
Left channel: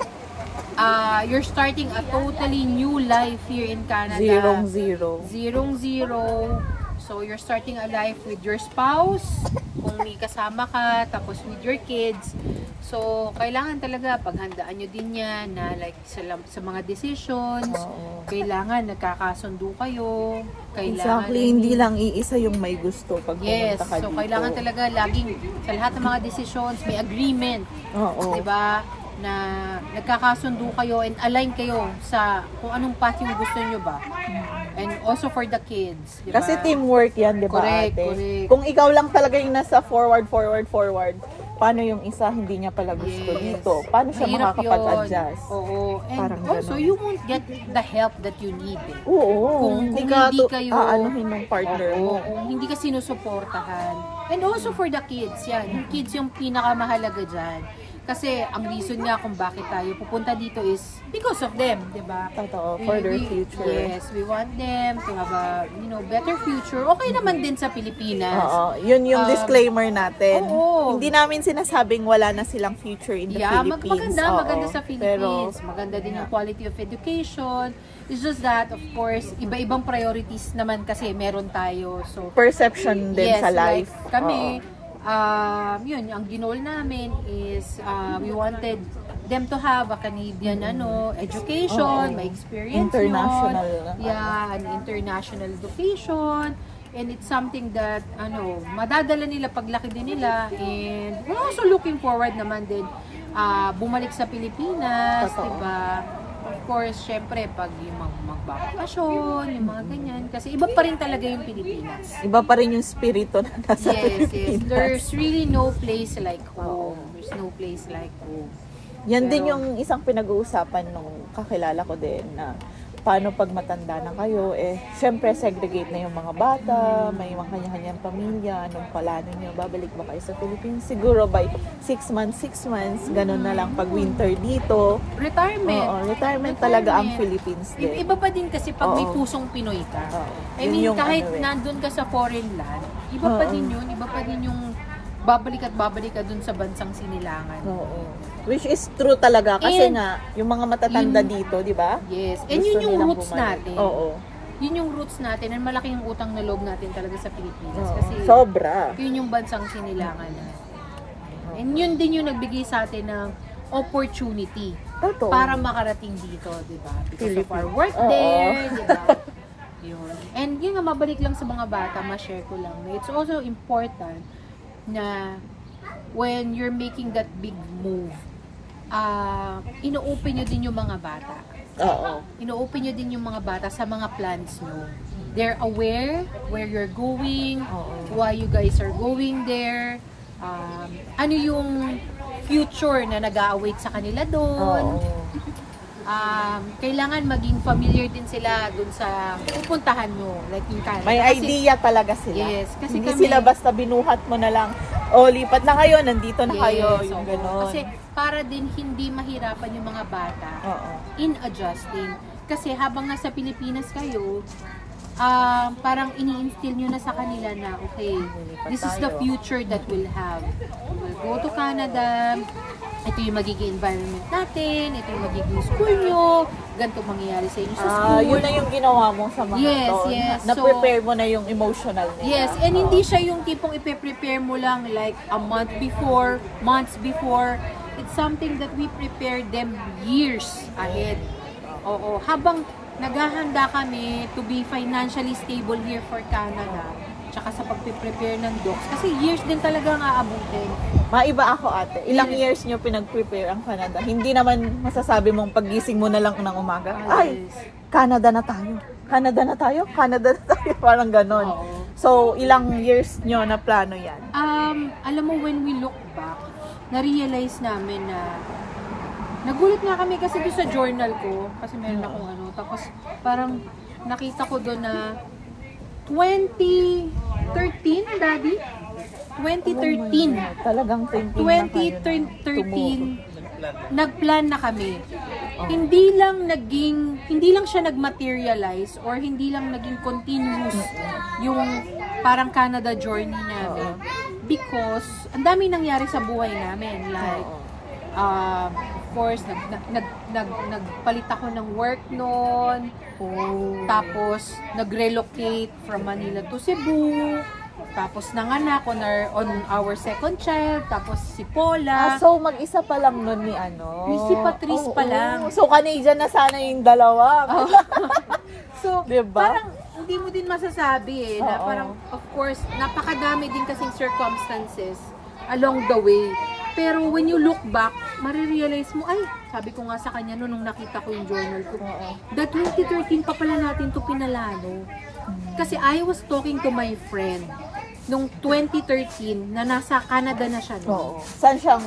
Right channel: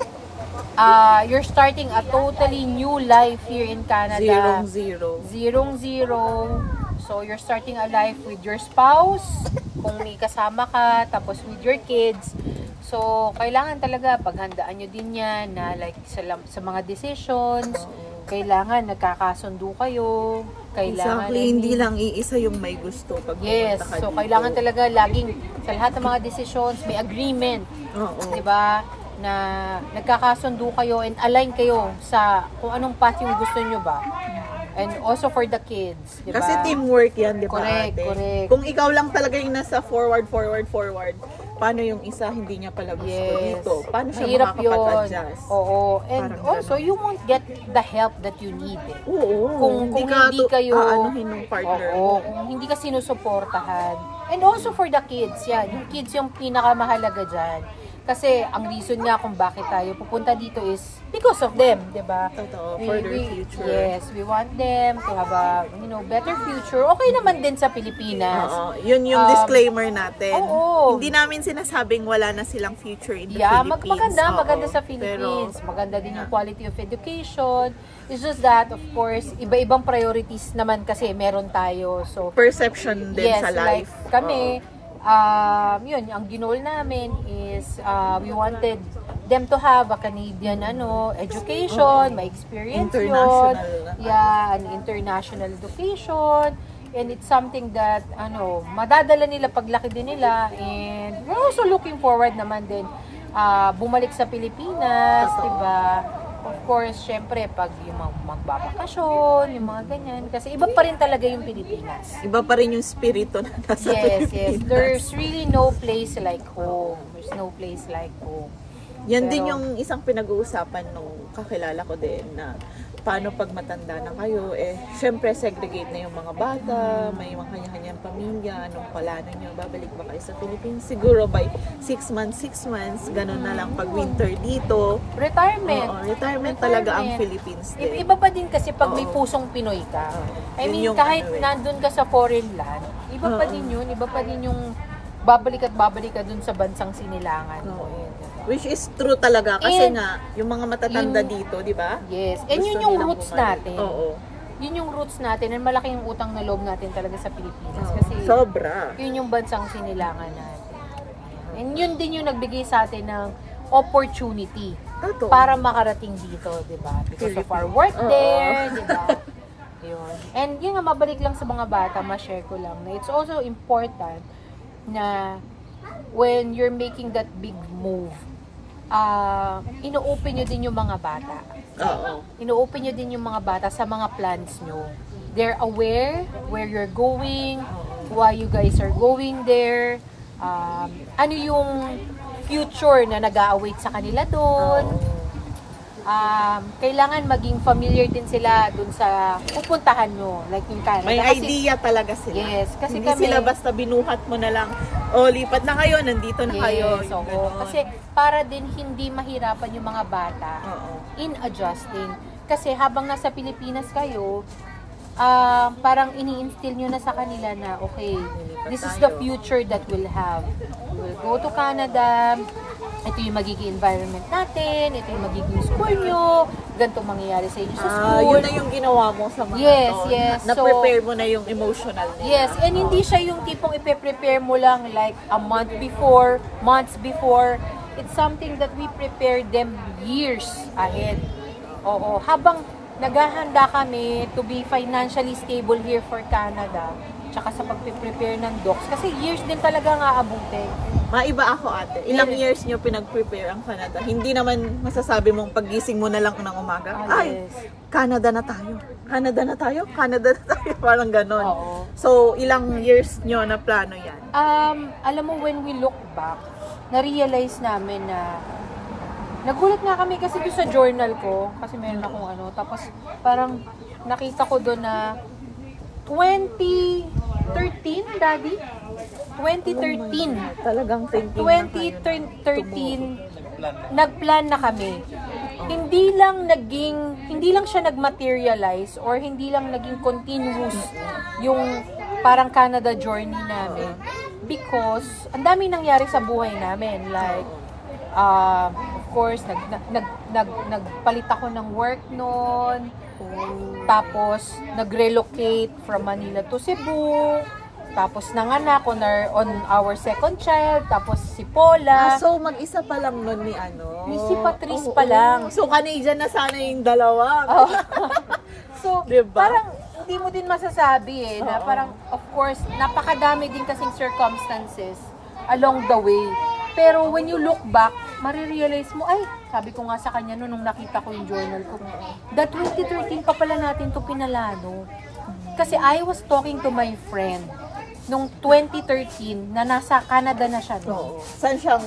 you're starting a totally new life here in Canada. Zerong-zero. So, you're starting a life with your spouse, kung may kasama ka, tapos with your kids. So, kailangan talaga paghandaan nyo din yan na like sa mga decisions, kailangan nagkakasundo kayo. Exactly, hindi lang iisa yung may gusto pag pumunta ka so dito. Kailangan talaga laging sa lahat ng mga decisions may agreement. Diba? Na nagkakasundo kayo and align kayo sa kung anong path yung gusto nyo ba. And also for the kids, diba? Kasi teamwork yan, diba? Correct. Kung ikaw lang talaga yung nasa forward, paano yung isa hindi niya pala gusto dito? Paano siya makakapag-adjust? Oo. And parang also, you won't get the help that you need. Oo. Kung hindi kayo aanuhin ng partner mo. Kung hindi ka sinusuportahan. And also for the kids, yan. Yung kids yung pinakamahalaga dyan. Kasi ang reason nga kung bakit tayo pupunta dito is because of them, diba? Totoo, for their future. Yes, we want them to have a, better future. Okay naman din sa Pilipinas. Yun yung disclaimer natin. Oo. Hindi namin sinasabing wala na silang future in the Philippines. Maganda sa Philippines. Pero, maganda din yung quality of education. It's just that, of course, iba-ibang priorities naman kasi meron tayo. So, perception din sa life. Like kami, yun, ang ginol namin is we wanted them to have a Canadian education, may experience international an international education, and it's something that madadala nila paglaki din nila, and we're also looking forward naman din bumalik sa Pilipinas, diba? Of course, syempre, pag yung magbabakasyon, yung mga ganyan. Kasi iba pa rin talaga yung Pilipinas. Iba pa rin yung spirito na nasa Pilipinas. Yes. There's really no place like home. There's no place like home. Yan din yung isang pinag-uusapan nung kakilala ko din na paano pag matanda na kayo, syempre segregate na yung mga bata, may mga kanya-kanyang pamilya, anong plano nyo, babalik ba kayo sa Philippines? Siguro by 6 months, ganun na lang pag winter dito. Retirement. Retirement talaga ang Philippines din. Iba pa din kasi pag may pusong Pinoy ka. I mean, kahit nandun ka sa foreign land, iba pa din yun, iba pa din yung babalik ka dun sa bansang sinilangan. Which is true talaga kasi nga yung mga matatanda dito, di ba? Yes. And yun yung roots natin. Yun yung roots natin and malaki yung utang na loob natin talaga sa Pilipinas. Kasi sobra. Yun yung bansang sinilangan natin. And yun din yung nagbigay sa atin ng opportunity para makarating dito, di ba? Because of our work there, di ba? Yun. And yun nga, mabalik lang sa mga bata, ma-share ko lang na it's also important na when you're making that big move, ino-open nyo din yung mga bata. Ino-open nyo din yung mga bata sa mga plans nyo. They're aware where you're going, why you guys are going there, ano yung future na nag-a-await sa kanila doon. Kailangan maging familiar din sila dun sa pupuntahan nyo, like yung Canada. May idea talaga sila. Yes, kasi hindi sila basta binuhat mo na lang, lipat na kayo, nandito na kayo. Kasi para din hindi mahirapan yung mga bata in adjusting. Kasi habang nasa Pilipinas kayo, parang ini-instill nyo na sa kanila na, okay, this is the future that we'll have. We'll go to Canada, ito yung magiging environment natin, ito yung magiging school nyo, ganito mangyayari sa inyo sa school. Yun na yung ginawa mo sa mga na-prepare mo na yung emotional nila. Yes, and hindi siya yung tipong ipe-prepare mo lang like a months before. It's something that we prepare them years ahead. Habang naghahanda kami to be financially stable here for Canada, tsaka sa pag-prepare ng docs, kasi years din talaga nga aabutin. Maiba ako ate. Ilang years nyo pinag-prepare ang Canada? Hindi naman masasabi mong paggising mo na lang ng umaga. Canada na tayo. Parang ganon. So, ilang years nyo na plano yan? Alam mo, when we look back, na-realize namin na Nagulat nga kami kasi doon sa journal ko, kasi meron akong ano, tapos parang nakita ko doon na 2013, Daddy? 2013. Talagang thinking na kayo na 2013, nagplan na kami. Hindi lang siya nagmaterialize or hindi lang naging continuous yung parang Canada journey namin. Because, ang dami nangyari sa buhay namin. Like, of course, nagpalit ako ng work noon. Tapos, nag-relocate from Manila to Cebu. Tapos, nanganak on our second child. Tapos, si Paula. So, mag-isa pa lang nun ni ano? Si Patrice pa lang. So, Canadian na sana yung dalawa. So, diba? parang, hindi mo din masasabi na parang, of course, napakadami din kasing circumstances along the way. Pero when you look back, marirealize mo, ay, sabi ko nga sa kanya nung nakita ko yung journal ko, that 2013 pa pala natin to pinalano. Kasi I was talking to my friend nung 2013 na nasa Canada na siya. Saan siyang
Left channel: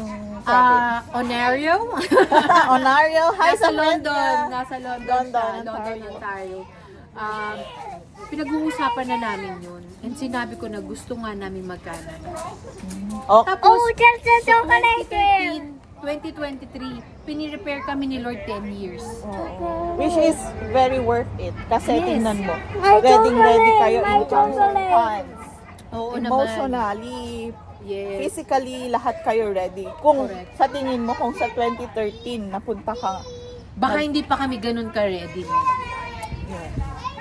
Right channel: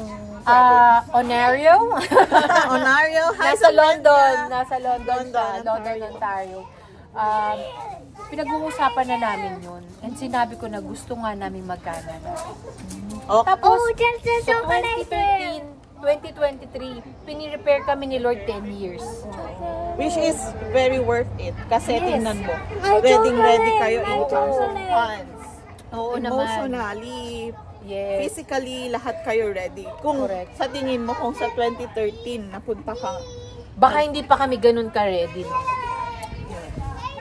Ontario? Ontario? Nasa London. Nasa London, Ontario. Pinag-uusapan na namin yun. And sinabi ko na gusto nga namin mag-Canada. Tapos, so 2023, pinirepair kami ni Lord 10 years. Which is very worth it. Kasi tingnan mo, ready kayo in terms of funds. Emotionally, physically, lahat kayo ready. Kung sa tingin mo, kung sa 2013 napunta ka, baka hindi pa kami ganun ka-ready.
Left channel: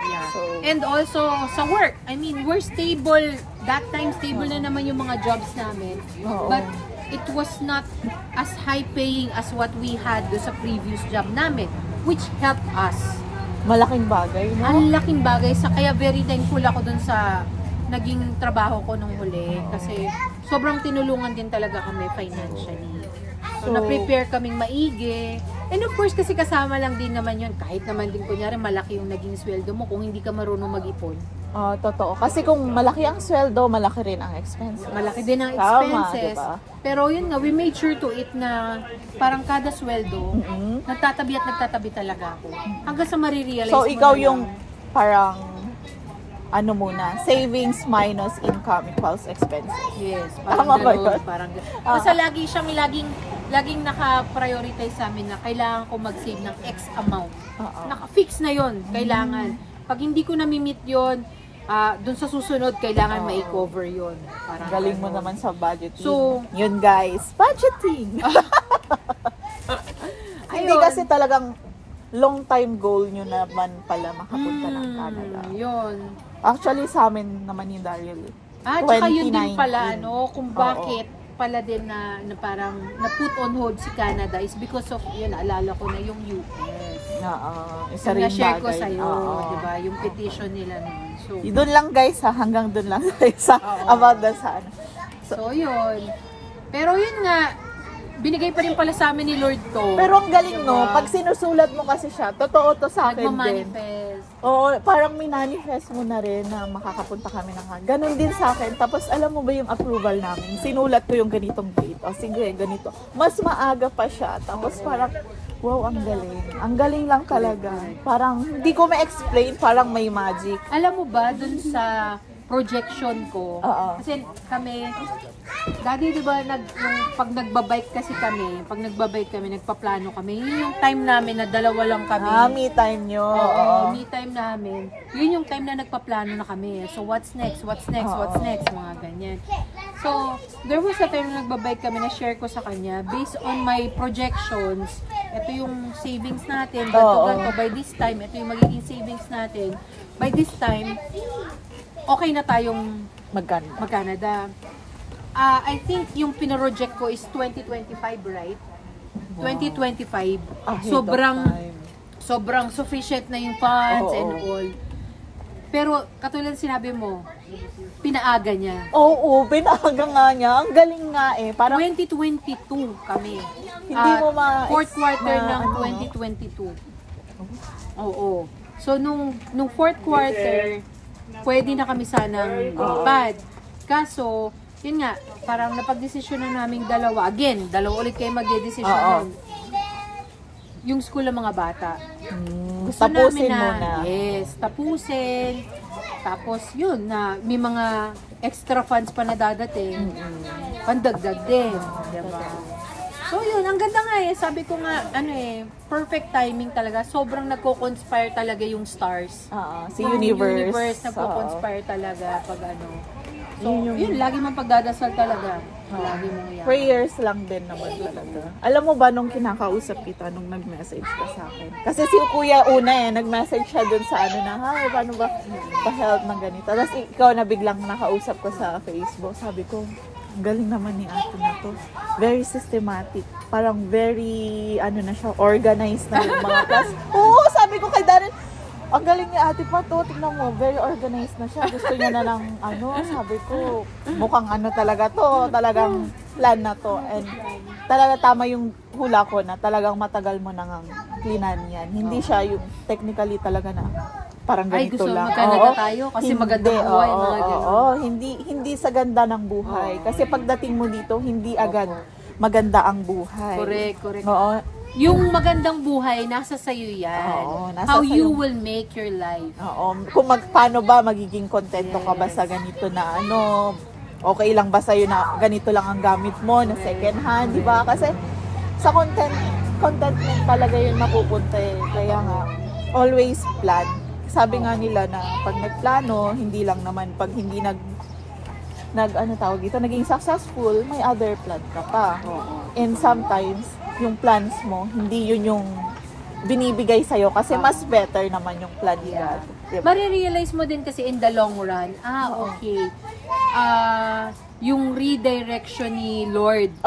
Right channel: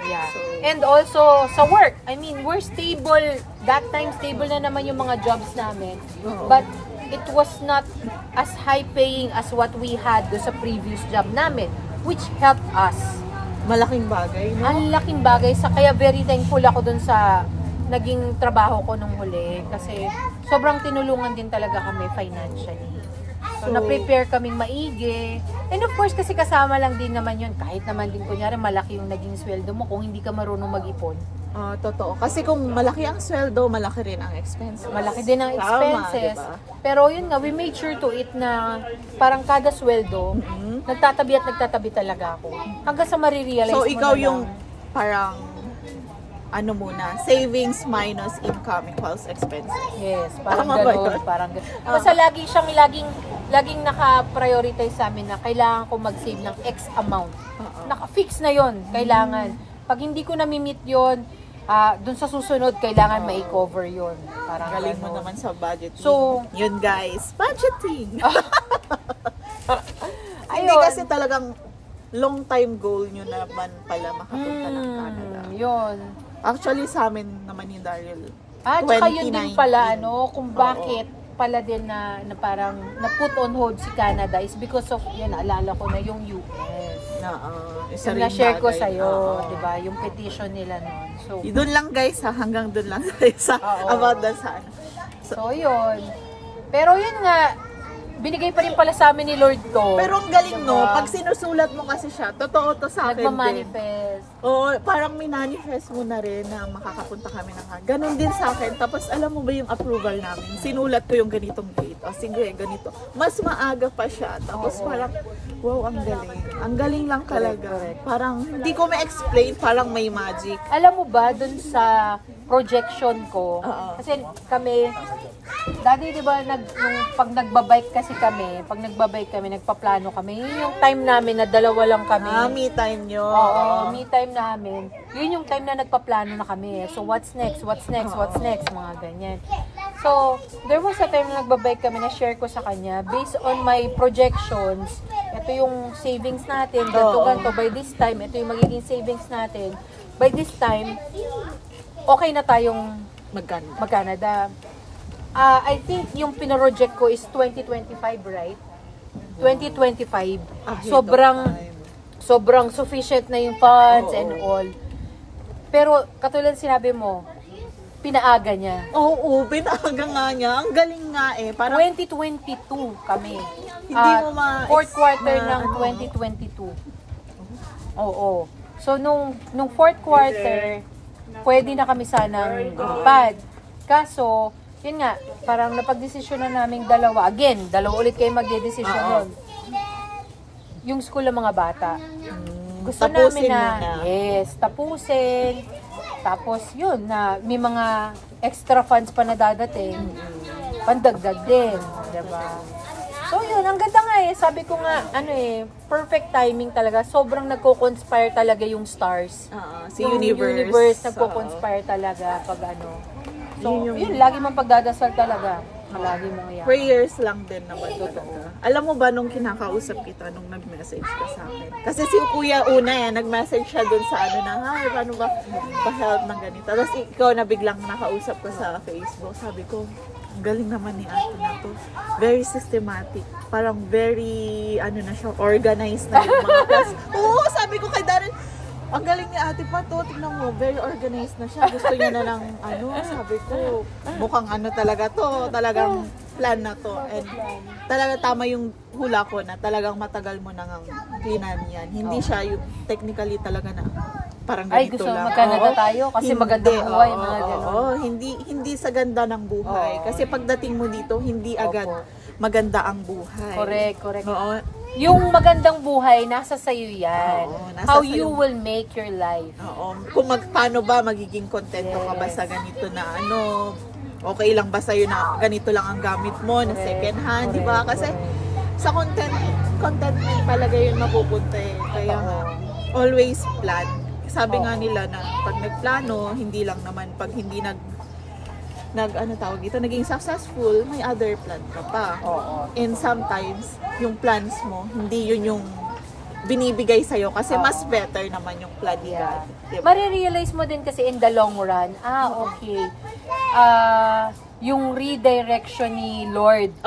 Yeah. And also, sa work, I mean, we're stable. That time, stable na naman yung mga jobs namin. But, it was not as high-paying as what we had sa previous job namin, which helped us. Malaking bagay, no? Ang laking bagay. Kaya very thankful ako dun sa naging trabaho ko nung huli. Kasi, sobrang tinulungan din talaga kami financially. So, na-prepare kaming maigi. And of course, kasi kasama lang din naman yun. Kahit naman din, kunyari, malaki yung naging sweldo mo kung hindi ka marunong mag-ipon. Totoo. Kasi kung malaki ang sweldo, malaki rin ang expenses. Malaki din ang expenses. Diba? Pero yun nga, we made sure to it na parang kada sweldo, nagtatabi at nagtatabi talaga ako. Hanggang sa marirealize So, mo ikaw na yung parang ano muna, savings minus income equals expenses. Yes, parang Tama ba gano'n, yun? parang gano'n. Basta laging naka-prioritize sa amin na kailangan ko mag-save ng X amount. Naka-fix na yon, kailangan. Pag hindi ko na-meet yon, dun sa susunod, kailangan ma-cover yon. Galing mo naman sa budgeting. So, yun guys, budgeting! Hindi kasi talagang long time goal nyo naman pala makapunta ng Canada. Yun. Actually, sa amin naman ni Daryl, Tsaka yun din pala, kung bakit pala din na parang na-put on hold si Canada is because of, yun, naalala ko na yung US. Isa rin na-share ko bagay. sa'yo, diba? Yung petition nila nun. So, doon lang guys, hanggang doon lang sa about the sun. So, yun. Pero yun nga, binigay pa rin pala sa amin ni Lord to. Pero ang galing, no? Pag sinusulat mo kasi siya, totoo to sa akin din. Nagmamanifest. Oo, parang minanifest mo na rin na makakapunta kami ng ganon din sa akin. Tapos alam mo ba yung approval namin? Sinulat ko yung ganitong date. O sige, ganito. Mas maaga pa siya. Tapos parang, wow, ang galing. Ang galing lang talaga. Parang, hindi ko ma-explain. Parang may magic. Alam mo ba, dun sa projection ko, kasi kami, Daddy, di ba, pag nagbabike kasi kami, nagpaplano kami, yun yung time namin na dalawa lang kami. Me time nyo. Oo, me time namin. Yun yung time na nagpaplano na kami. So, what's next, mga ganyan. So, there was a time na nagbabike kami na share ko sa kanya, based on my projections, ito yung savings natin, ganito, by this time, ito yung magiging savings natin. By this time, okay na tayong mag-Canada. I think yung pinaroject ko is 2025, right? Wow. 2025. Sobrang sufficient na yung funds and all. Pero katulad sinabi mo, pinaaga niya. Oo, pinaaga nga niya. Ang galing nga eh. Parang 2022 kami. Hindi mo fourth quarter ng 2022. Oo. So nung fourth quarter, pwede na kami sanang lumipad. Kaso, yun nga, parang napag-desisyon na namin dalawa. Again, dalawa ulit kayo mag-desisyon. yung school ng mga bata. Gusto Tapusin namin muna. Yes, tapusin. Tapos yun, na may mga extra funds pa na dadating. Pandagdag din. Diba? So yun, ang ganda nga sabi ko nga, perfect timing talaga. Sobrang nagko-conspire talaga yung stars. Si universe. Yung universe nagko-conspire talaga pag So, yun, lagi mong pagdadasal talaga. Lagi mo yan. Prayers lang din naman talaga. Alam mo ba nung kinakausap kita, nung nag-message ka sa akin? Kasi si Kuya una nag-message siya dun sa hi, paano ba pa-help ng ganito? Tapos ikaw na biglang nakausap ko sa Facebook. Sabi ko, ang galing naman ni ate na to. Very systematic. Parang very, organized na yung mga class. Oo, sabi ko kay Darren, ang galing ni ate pa to, tignan mo, very organized na siya. Gusto niya na ng sabi ko, mukhang talaga to, talagang plan na to. And talaga tama yung hula ko na talagang matagal mo nang plinan yan. Hindi siya yung technically talaga na parang ganito gusto lang. magkano tayo kasi maganda ang buhay. Hindi sa ganda ng buhay. Kasi pagdating mo dito, hindi agad maganda ang buhay. Correct. Oo. Yung magandang buhay, nasa sayo yan. How sa'yo. you will make your life. Kung paano ba magiging kontento ka ba sa ganito na okay lang ba sa'yo na ganito lang ang gamit mo, na second hand, di ba? Kasi sa contentment talaga yun mapupunta Kaya nga, always plan. Sabi nga nila na pag nagplano, hindi lang naman pag hindi naging successful, may other plan ka pa. And sometimes, yung plans mo, hindi yun yung binibigay sa'yo kasi mas better naman yung plan nila. Diba? Marirealize mo din kasi in the long run, okay. Yung redirection ni Lord.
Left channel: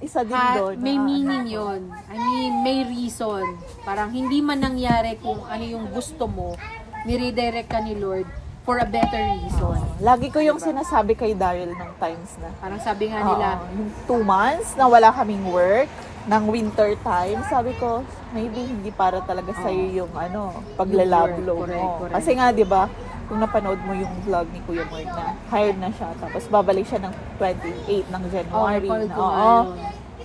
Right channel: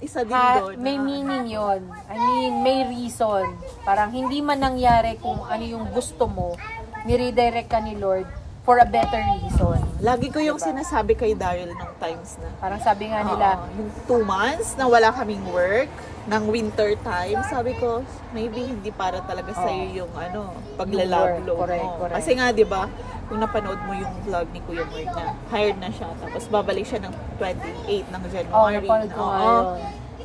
Isa din doon. May meaning yun. I mean, may reason. Parang hindi man nangyari kung ano yung gusto mo, ni-redirect ka ni Lord for a better reason. Lagi ko yung sinasabi kay Daryl nung times na. Parang sabi nga nila, yung 2 months na wala kaming work, ng winter time, sabi ko, maybe hindi para talaga sa'yo yung paglalablo mo. Correct. Kasi nga, di ba, kung napanood mo yung vlog ni Kuya Mark na hired na siya, tapos babalik siya ng 28 ng January.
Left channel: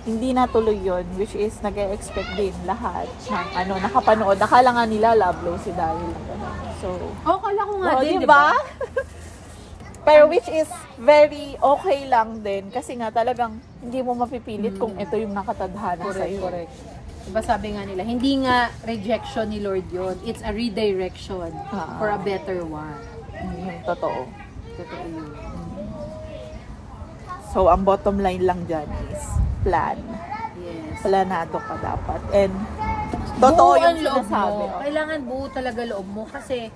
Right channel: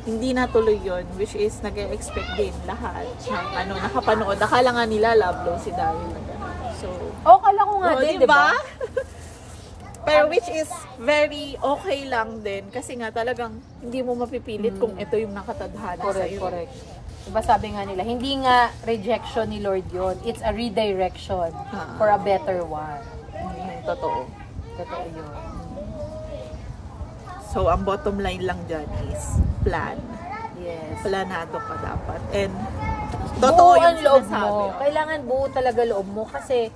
Hindi natuloy yun, which is nag-expect din lahat ng nakapanood. Akala nga nila lablo si Daryl na gano'n. So, kala ko nga din, diba? Pero which is very okay lang din kasi nga talagang hindi mo mapipilit kung ito yung nakatadhana sa'yo. Correct. Diba sabi nga nila, hindi nga rejection ni Lord yun. It's a redirection for a better one. Totoo yun. So, ang bottom line lang dyan is plan. Yes. Planado ka dapat. And totoo buo yung loob sinasabi. mo. Kailangan buo talaga loob mo kasi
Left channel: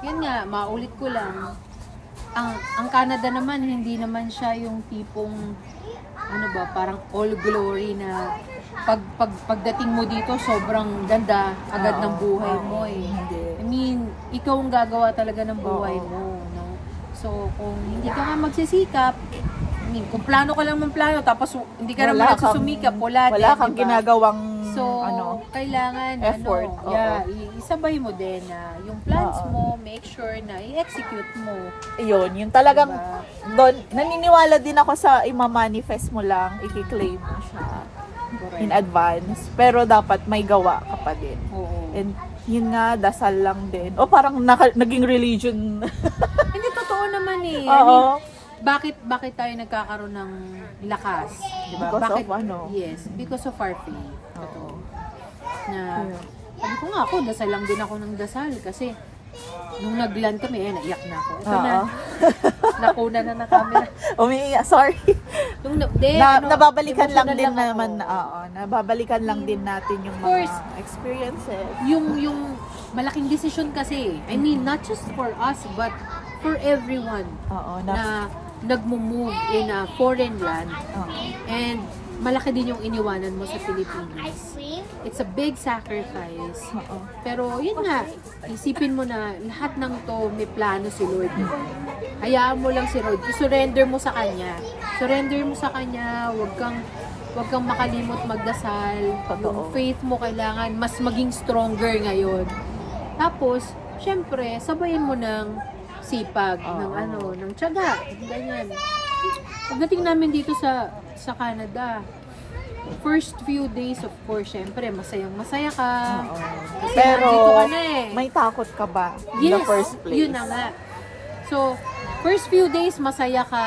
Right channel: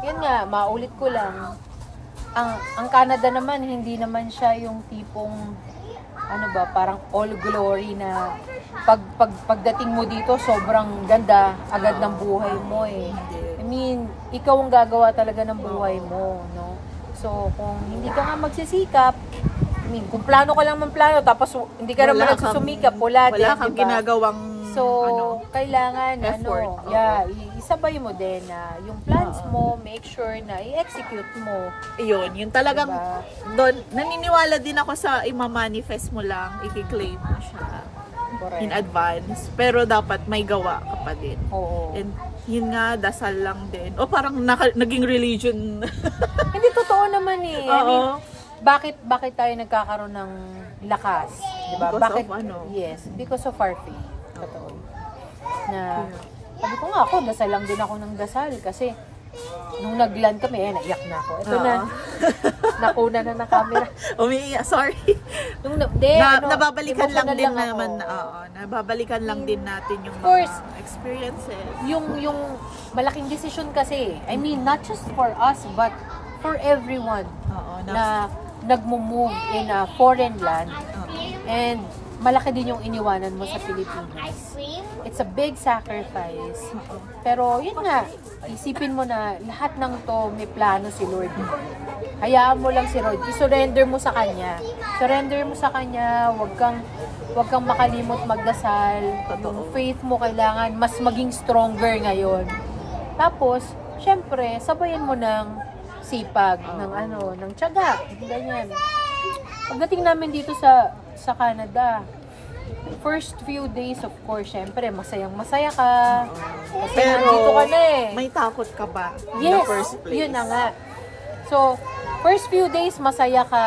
yun nga, maulit ko lang, ang Canada naman, hindi naman siya yung tipong parang all glory na pagdating mo dito, sobrang ganda agad ng buhay mo I mean, ikaw ang gagawa talaga ng buhay mo, no? So, kung hindi ka nga magsisikap, kung plano ka lang plano, tapos hindi ka naman nagsusumikap, wala kang ginagawang kailangan effort. Isabay mo din na yung plans mo, make sure na i-execute mo. Yun talagang doon, naniniwala din ako sa ima-manifest mo lang, i-claim mo siya in advance, pero dapat may gawa ka pa din. And yun nga, dasal lang din. Parang naging religion. Hindi, totoo naman bakit tayo nagkakaroon ng lakas? Diba? Because of Yes, because of our faith. Totoo. Sabi ko nga ako, dasal lang din ako ng dasal kasi nung nag-land kami, naiyak na ako. Ito na, nakuna na ng camera. Umiiyak, sorry. Nababalikan lang din naman, nababalikan lang din natin yung mga experiences. Yung malaking decision kasi, I mean, not just for us, but for everyone na nagmo-move in a foreign land. And malaki din yung iniwanan mo sa Pilipinas. It's a big sacrifice. Pero yun nga, isipin mo na lahat ng to may plano si Lord. Hayaan mo lang si Lord. I-surrender mo sa Kanya. Surrender mo sa Kanya. Huwag kang makalimot magdasal. Yung faith mo kailangan mas maging stronger ngayon. Tapos, syempre, sabayan mo ng sipag, ng tiyaga. Ganyan. Pagdating namin dito sa Canada, first few days, of course, syempre, masayang-masaya ka. Kasi Pero, nandito ka na eh. may takot ka ba in the first place? Yun na nga. So, first few days, masaya ka.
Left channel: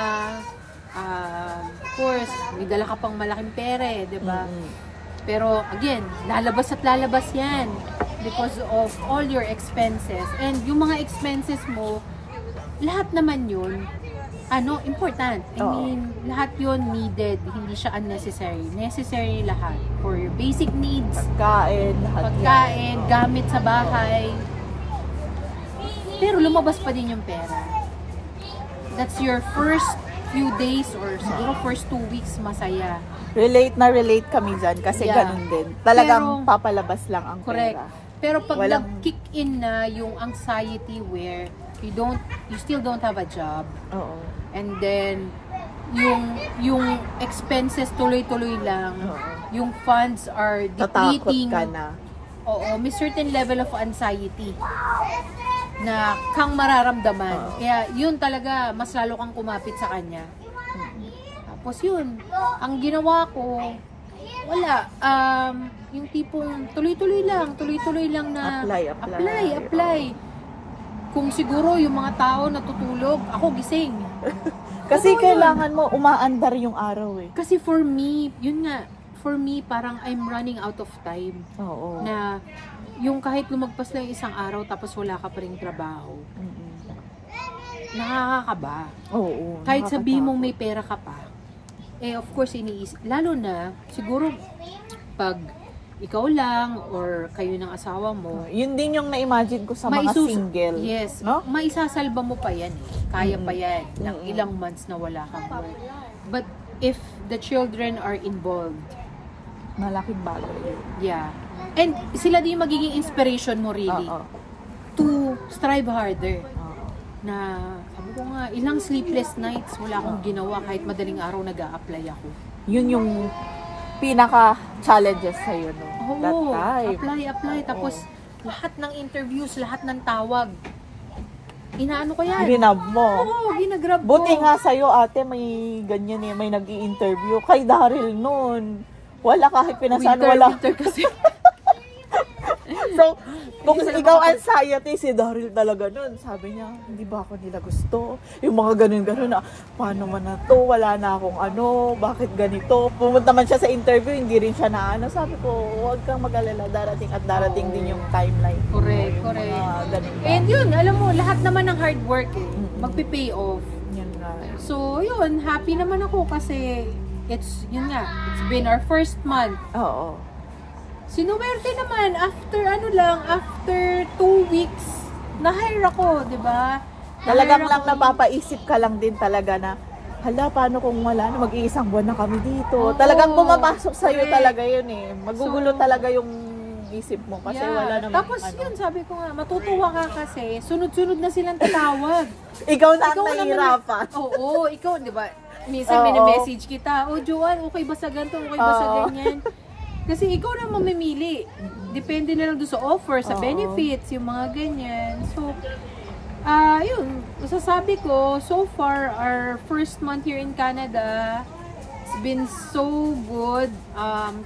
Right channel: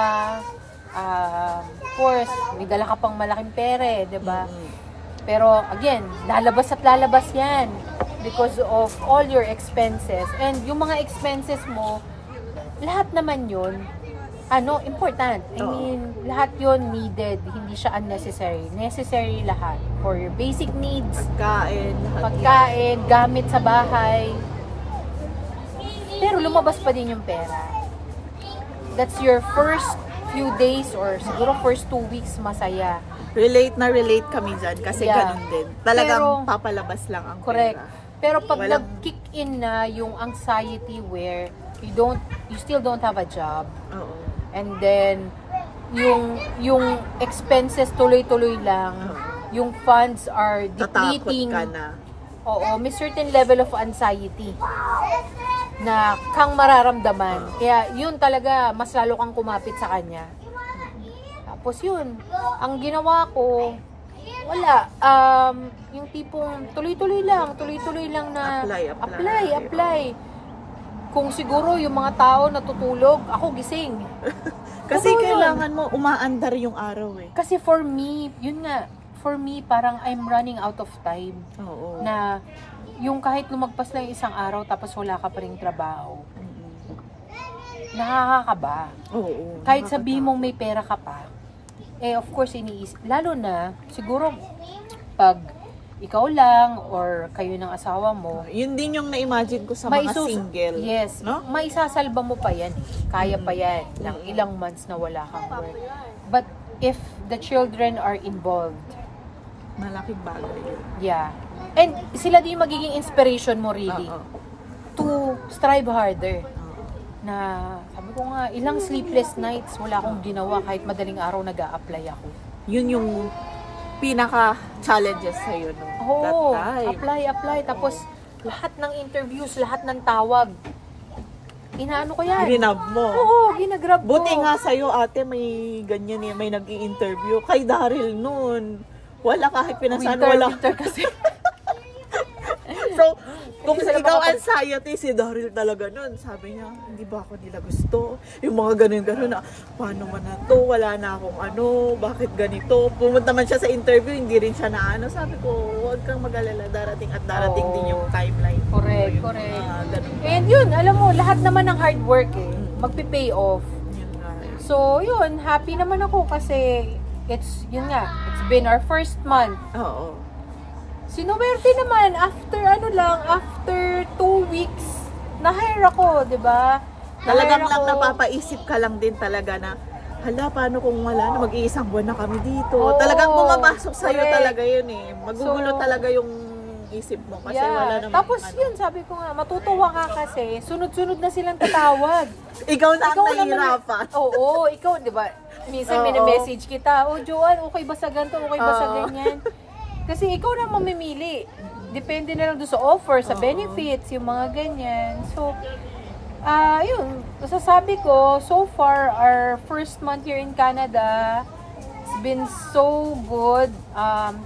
Of course, may dala ka pang malaking pere, di ba? Pero, again, lalabas at lalabas yan because of all your expenses. And yung mga expenses mo, lahat naman yun, important. I mean, lahat yun needed. Hindi siya unnecessary. Necessary lahat. For your basic needs. Pagkain, lahat Pagkain, gamit sa bahay. Pero lumabas pa din yung pera. That's your first few days or siguro first 2 weeks masaya. Relate kami dyan kasi ganun din. Talagang papalabas lang ang correct. pera. Pero pag nag-kick in na yung anxiety where you still don't have a job. Oo. And then yung expenses tuloy-tuloy lang. Yung funds are depleting. Tatakot ka na. Oo, may certain level of anxiety na kang mararamdaman. Kaya yun talaga, mas lalo kang kumapit sa kanya. Tapos yun, ang ginawa ko, wala. Yung tipong tuloy-tuloy lang na apply. Kung siguro yung mga tao natutulog, ako gising. Kasi kailangan mo umaandar yung araw eh. Kasi for me, yun nga, parang I'm running out of time. Oo. Na yung kahit lumagpas lang isang araw tapos wala ka pa rin trabaho. Nakakakaba. Oo. Kahit sabihin mong may pera ka pa. Of course, iniisip. Lalo na, siguro, pag ikaw lang or kayo ng asawa mo. Yun din yung na-imagine ko sa mga single. Yes. No? Maisasalba mo pa yan. Kaya pa yan. Ilang months na wala kang work. But if the children are involved, malaking bagay yun. Yeah. And sila din magiging inspiration mo really. To strive harder. Na, sabi ko nga, ilang sleepless nights wala akong ginawa kahit madaling araw nag-a-apply ako. Yun yung pinaka-challenges sa'yo no? That time. Apply. Tapos, lahat ng interviews, lahat ng tawag, inaano ko yan? Grinab mo? Oo, ginagrab ko. Buti nga sa'yo ate, may ganyan eh, may nag-i-interview. Kay Daryl noon, wala kahit pinasaan, wala. So, kung ikaw anxiety, si Daryl talaga nun, sabi niya, hindi ba ako nila gusto? Yung mga ganun-ganun na, paano man na to? Wala na akong bakit ganito? Pumunta man siya sa interview, hindi rin siya na sabi ko, huwag kang mag-alala, darating din yung timeline. Correct. And yun, alam mo, lahat naman ng hard work magpi-pay off. Yan nga. So, yun, happy naman ako kasi, it's been our first month. Oo. Sinuwerte naman, after 2 weeks, na-hire ako, di ba? Talagang lang napapaisip ka lang din talaga na, hala, paano kung wala na, mag-iisang buwan na kami dito. Talagang pumapasok sa'yo talaga yun eh. Magugulo talaga yung isip mo kasi wala naman. Tapos yun, sabi ko nga, matutuwa ka kasi, sunod-sunod na silang tatawag. Ikaw na ang nahihirapan. Oo, ikaw, di ba? Minsan message kita, Joanne, okay ba sa ganito, okay ba sa ganyan? Kasi ikaw na mamimili. Depende na lang doon sa offer, sa benefits, yung mga ganyan. So, yun, masasabi ko, so far, our first month here in Canada, it's been so good.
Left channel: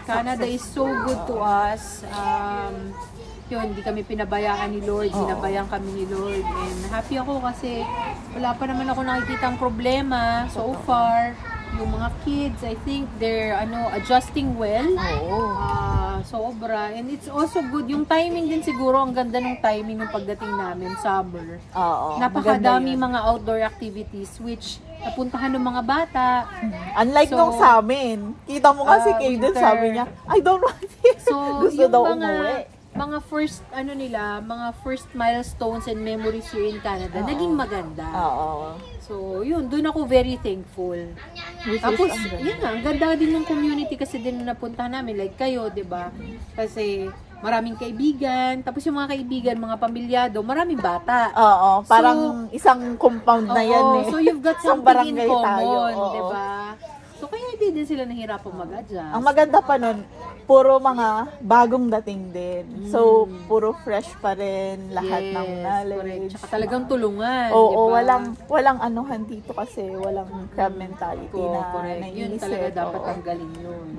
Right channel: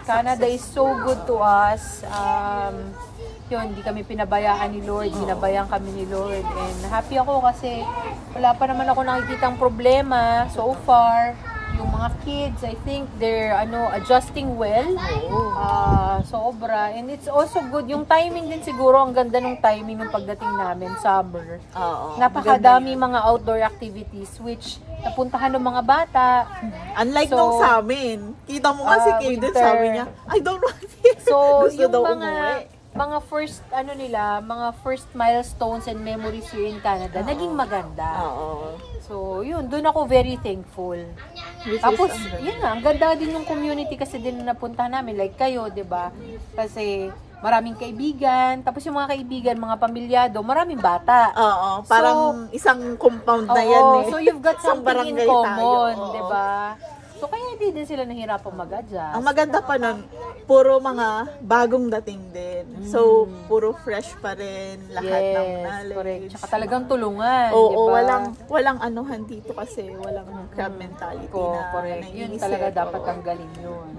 Canada is so good to us. Yun, hindi kami pinabayaan ni Lord, binabayaan kami ni Lord. And happy ako kasi wala pa naman ako nakikitang problema so far. Yung mga kids, I think they're adjusting well. Sobra. And it's also good. Yung timing din siguro, ang ganda ng timing ng pagdating namin, summer. Napakadami mga outdoor activities which napuntahan ng mga bata. Unlike nung sa amin, kita mo nga si Kaden, sabi niya, I don't want it. So, gusto daw umuwi. Mga first, mga first milestones and memories here in Canada, naging maganda. So, yun, doon ako very thankful. Tapos, yun nga, ang ganda din yung community kasi din napuntahan namin, like kayo, diba? Kasi, maraming kaibigan, tapos yung mga kaibigan, mga pamilyado, maraming bata. Parang isang compound na yan eh. So, you've got something in common, tayo. diba? So, kaya hindi din sila nahirapang mag-adjust. Ang maganda pa nun, puro mga bagong dating din. So, puro fresh pa rin lahat ng knowledge. Tsaka talagang tulungan. Oo, diba? walang anuhan dito kasi walang crab mentality na correct. Yun naiisip. talaga dapat Oo. tanggalin yun.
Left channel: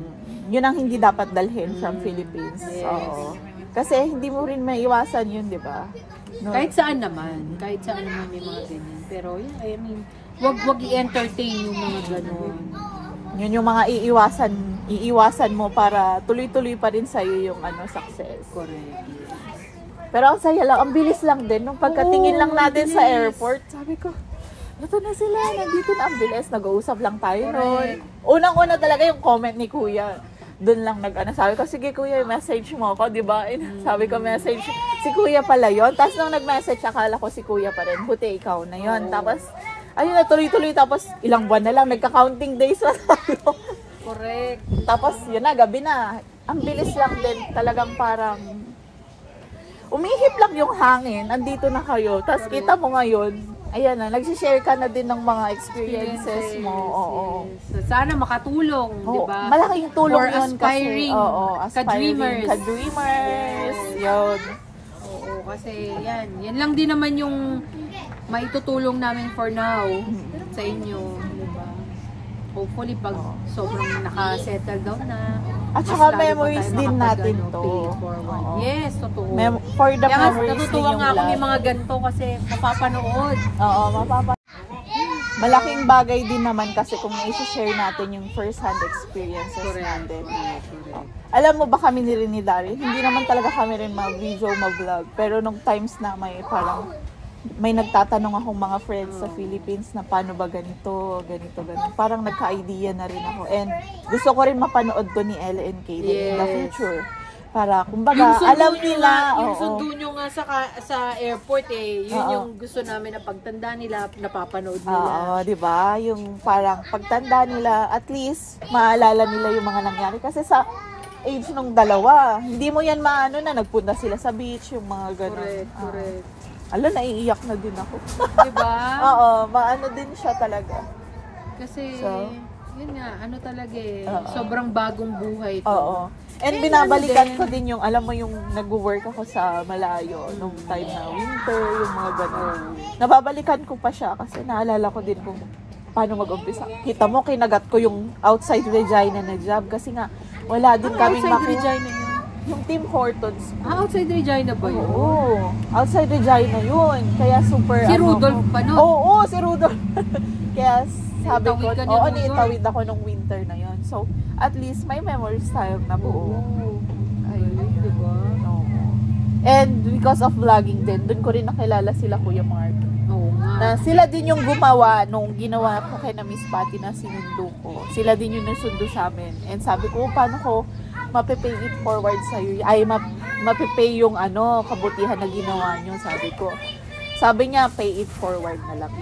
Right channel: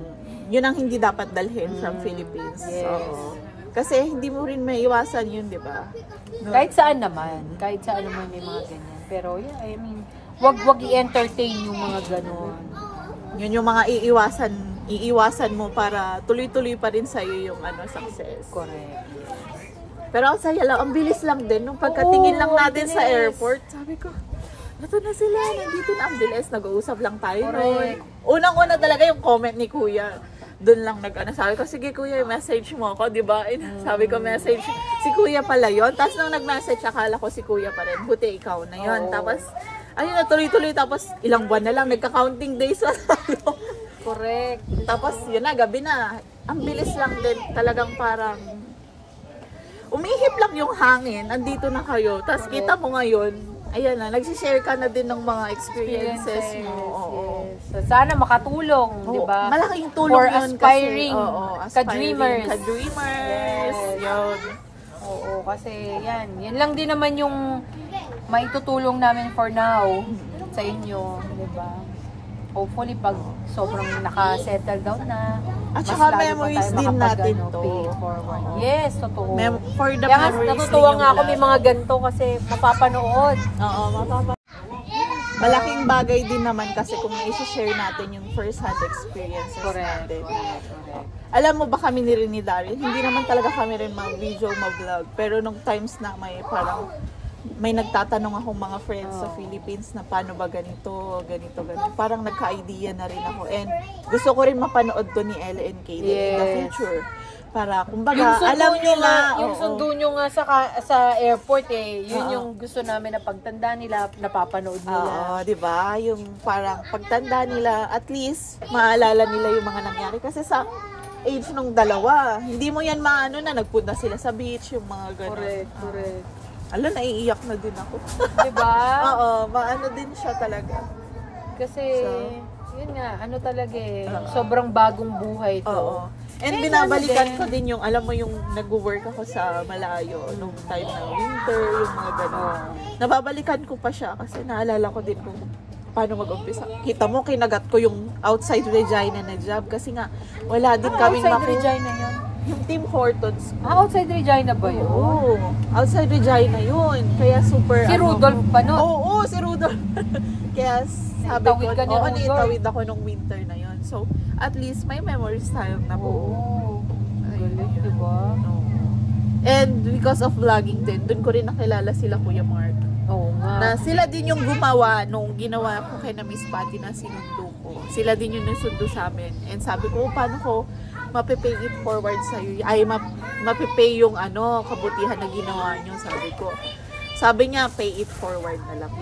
Yun ang hindi dapat dalhin from Philippines. Yes. Oo. Kasi hindi mo rin maiiwasan yun, di ba? No. Kahit saan naman may mga ganun. Pero yun, I mean, wag i-entertain yung mga ganun. Yun yung mga iiwasan mo para tuloy-tuloy pa rin sa'yo yung success. Correct. Pero ang saya lang, ang bilis lang din. Nung pagkatingin lang natin sa bilis. airport, sabi ko, ito na sila, nandito na, ang bilis. Nag-uusap lang tayo noon. Unang-una talaga yung comment ni Kuya. Doon lang sabi ko, sige Kuya, message mo ako, di ba? Sabi ko, message. Si Kuya pala yun. Tapos nung nag-message, akala ko si Kuya pa rin. Buti ikaw na yun. Tapos, ayun na, tuloy-tuloy. Tapos, ilang buwan na lang, nagka-counting days na tayo. Correct. Tapos, yun na, gabi na. Ang bilis lang din. Talagang parang, umihip lang yung hangin. Andito na kayo. Tapos, kita mo ngayon, ayan na, nagsishare ka na din ng mga experiences mo. Oo. So, sana makatulong, di ba? Malaking tulong For yun aspiring kasi. Oo, ka-dreamers. Ka-dreamers. Yes. Yun. Oo, kasi yan lang din naman yung maitutulong namin for now sa inyo, di ba? Hopefully, pag sobrang naka-settle down na. At mas saka lalo pa memories tayo din natin makapag, to. pay it forward. Oo. Yes, totoo. For the Kaya memories natutuwa din nga yung ako may lahat. mga ganito kasi mapapanood. Oo, malaking bagay din naman kasi kung i-share natin yung first-hand experiences natin. Oh. Alam mo ba kami ni Rin ni Daryl, hindi naman talaga kami rin ma-video, ma-vlog. Pero nung times na may nagtatanong akong mga friends sa Philippines na paano ba ganito. Parang nagka-idea na rin ako. And gusto ko rin mapanood to ni Ella and Kaden in the future. Para, kumbaga, alam nila. Yung sundo nyo nga sa airport yun yung gusto namin na pagtanda nila, napapanood nila. Oo, di ba? Yung parang pagtanda nila, at least, maalala nila yung mga nangyari. Kasi sa age nung dalawa, hindi mo yan maano na nagpunta sila sa beach, yung mga gano'n. Correct. Naiiyak na din ako. Diba? Oo, maano din siya talaga. Kasi, yun nga, talaga sobrang bagong buhay ko. Oo. And binabalikan ko din yung, alam mo yung nag-work ako sa malayo nung time na winter, yung mga gano'n. Nababalikan ko pa siya kasi naalala ko din kung paano mag-umpisa. Kita mo, kinagat ko yung outside Regina na job kasi nga, wala din kaming outside Regina yan? Yung Tim Hortons. Outside Regina ba yun? Oo. Outside Regina yun. Kaya super, si Rudolph pa nun? Oo, si Rudolph. Kaya sabi ko, naitawid ako nung winter na yun. So, at least may memories tayong nabuo. Ayun, diba? Oo. And because of vlogging din, dun ko rin nakilala sila Kuya Mark. Oo nga. Na sila din yung gumawa nung ginawa ko kay na Miss Patty na sinundo ko. Sila din yung nasundo sa amin. And sabi ko, paano ko mapipay it forward sa'yo? Ay, mapipay yung kabutihan na ginawa nyo, sabi ko. Sabi niya, pay it forward na lang.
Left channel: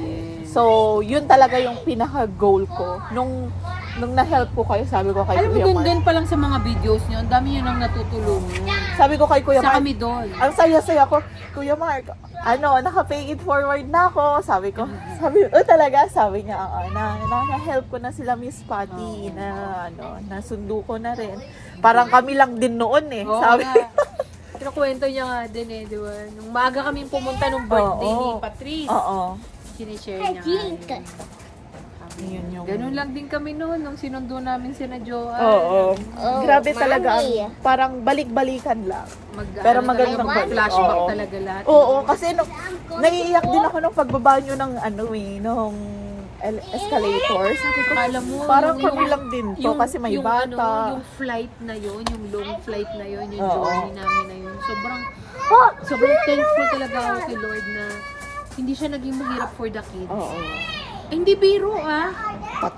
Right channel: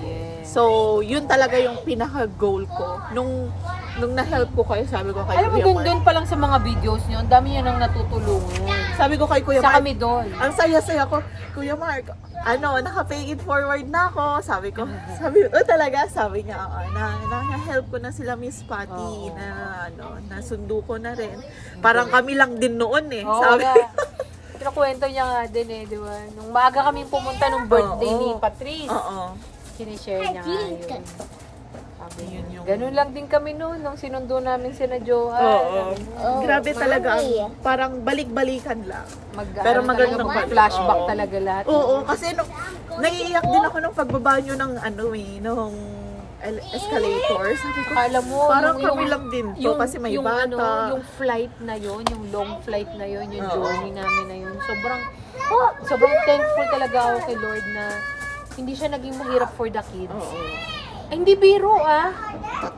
So, yun talaga yung pinaka-goal ko. Nung na-help ko kayo, sabi ko kay Kuya Mark. Kuya Alam mo, Mark. doon pa lang sa mga videos nyo, ang dami yun ang natutulungan. Sabi ko kay Kuya Sa Mark. kami doon. Ang saya-saya ko, Kuya Mark, naka-pay it forward na ako. Sabi ko, talaga? Sabi niya, na-help ko na sila Miss Patty, nasundo ko na rin. Parang kami lang din noon sabi ko. Pero kwento niya nga din di ba? Nung maaga kaming pumunta nung birthday ni Patrice. Sinishare niya nga yun. Ganun lang din kami noon nung sinundo namin sina Joanne. Grabe talaga parang balik-balikan lang. Pero magandang flashback talaga lahat. Oo, kasi naiiyak din ako nung pagbaba nyo ng nung escalator. Sabi ko, alam mo, parang kami lang din to kasi may bata. Yung flight na yon, yung long flight na yon, yung journey namin na yun. Sobrang thankful talaga ako kay Lord na hindi siya naging mahirap for the kids. Hindi biro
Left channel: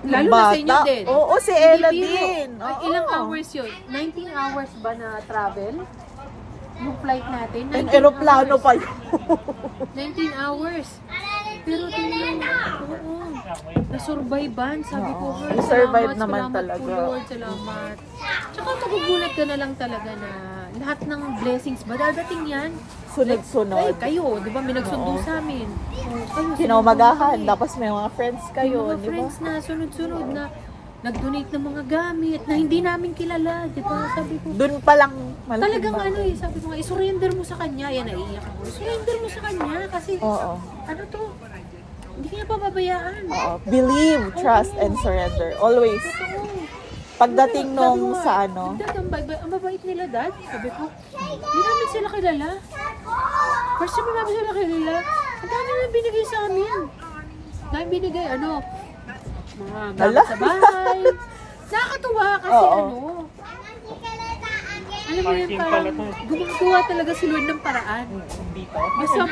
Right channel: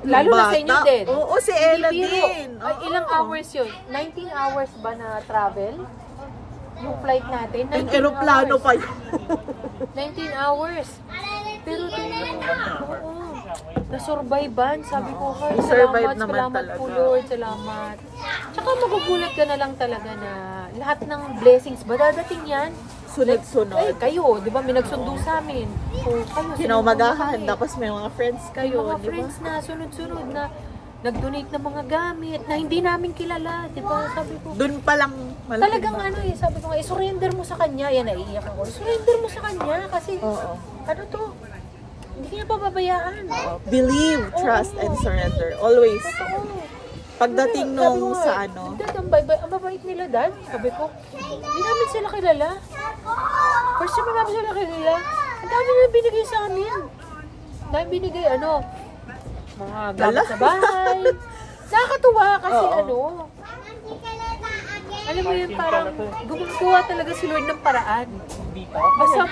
Lalo na sa inyo din. Oo, si Ella din. Ilang hours yun? 19 hours ba na travel? Yung flight natin? Aeroplano pa yun. 19 hours. Pero na-survivean. Sabi ko, salamat po Lord, salamat. Tsaka magugulat ka na lang talaga na lahat ng blessings ba dadating yan? Sunod-sunod. Kayo, di ba? May nagsundo sa amin. So, Kinaumagahan, tapos may mga friends kayo, may mga friends na sunod-sunod na nag-donate ng mga gamit na hindi namin kilala, di ba? Sabi ko, Doon pa lang malaking talagang bagay. ano eh, sabi ko nga, surrender mo sa kanya. Yan, naiiyak ako. Surrender mo sa kanya kasi, Oo. ano to, hindi ka niya pababayaan. Oo. Believe, trust, and surrender. Always. Totoo. Pagdating Sabi nung ko, sa ano, Dad, ang babait nila, Dad. Sabi ko, hindi namin sila kilala. First time namin sila kilala. Ang dami na binigay sa amin. Dami binigay, mga gamit sa bahay. Nakakatuwa kasi Oo. alam mo yun, parang gumagawa talaga si Lord ng paraan. Dito. Basta,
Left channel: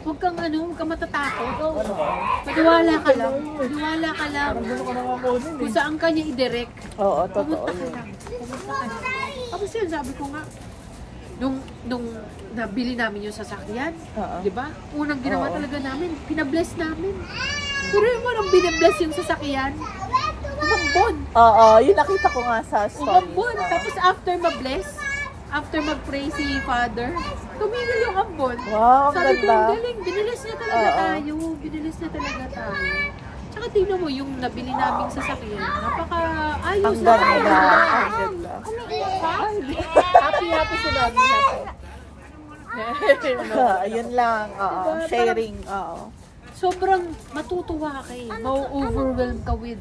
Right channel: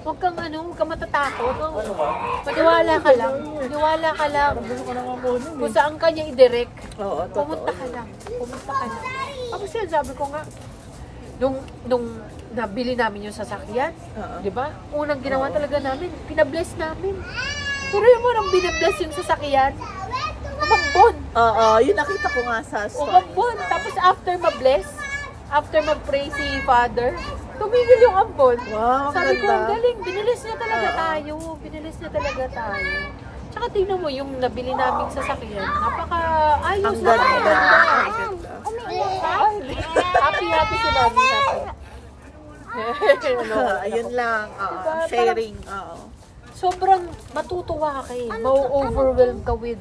huwag kang matatakot. Maniwala ka lang. Maniwala ka lang. Kung saan ka niya i-direct. oo, totoo. Pumunta ka lang. Pumunta ka lang. Tapos yan, sabi ko nga, nung nabili namin yung sasakyan, Oo. di ba? Unang ginawa Oo. talaga namin, pinabless namin. Pero yung mo, nung binabless yung sasakyan, umambon. Oo, yun nakita ko nga sa stories. Umambon. Tapos after ma-bless, after mag-pray si Father, tumigil yung ambon. Wow, ang Sabi ko, ganda. ang galing, binilis na talaga Oo. tayo. Binilis na talaga tayo. Tsaka tingnan mo, yung nabili naming sasakyan, napaka-ayos. Ang ganda. Ang Napaka- ganda. Happy si Mami. Ayun lang. Oo. Sharing. Oo. Sobrang matutuwa ka ma-overwhelm ka with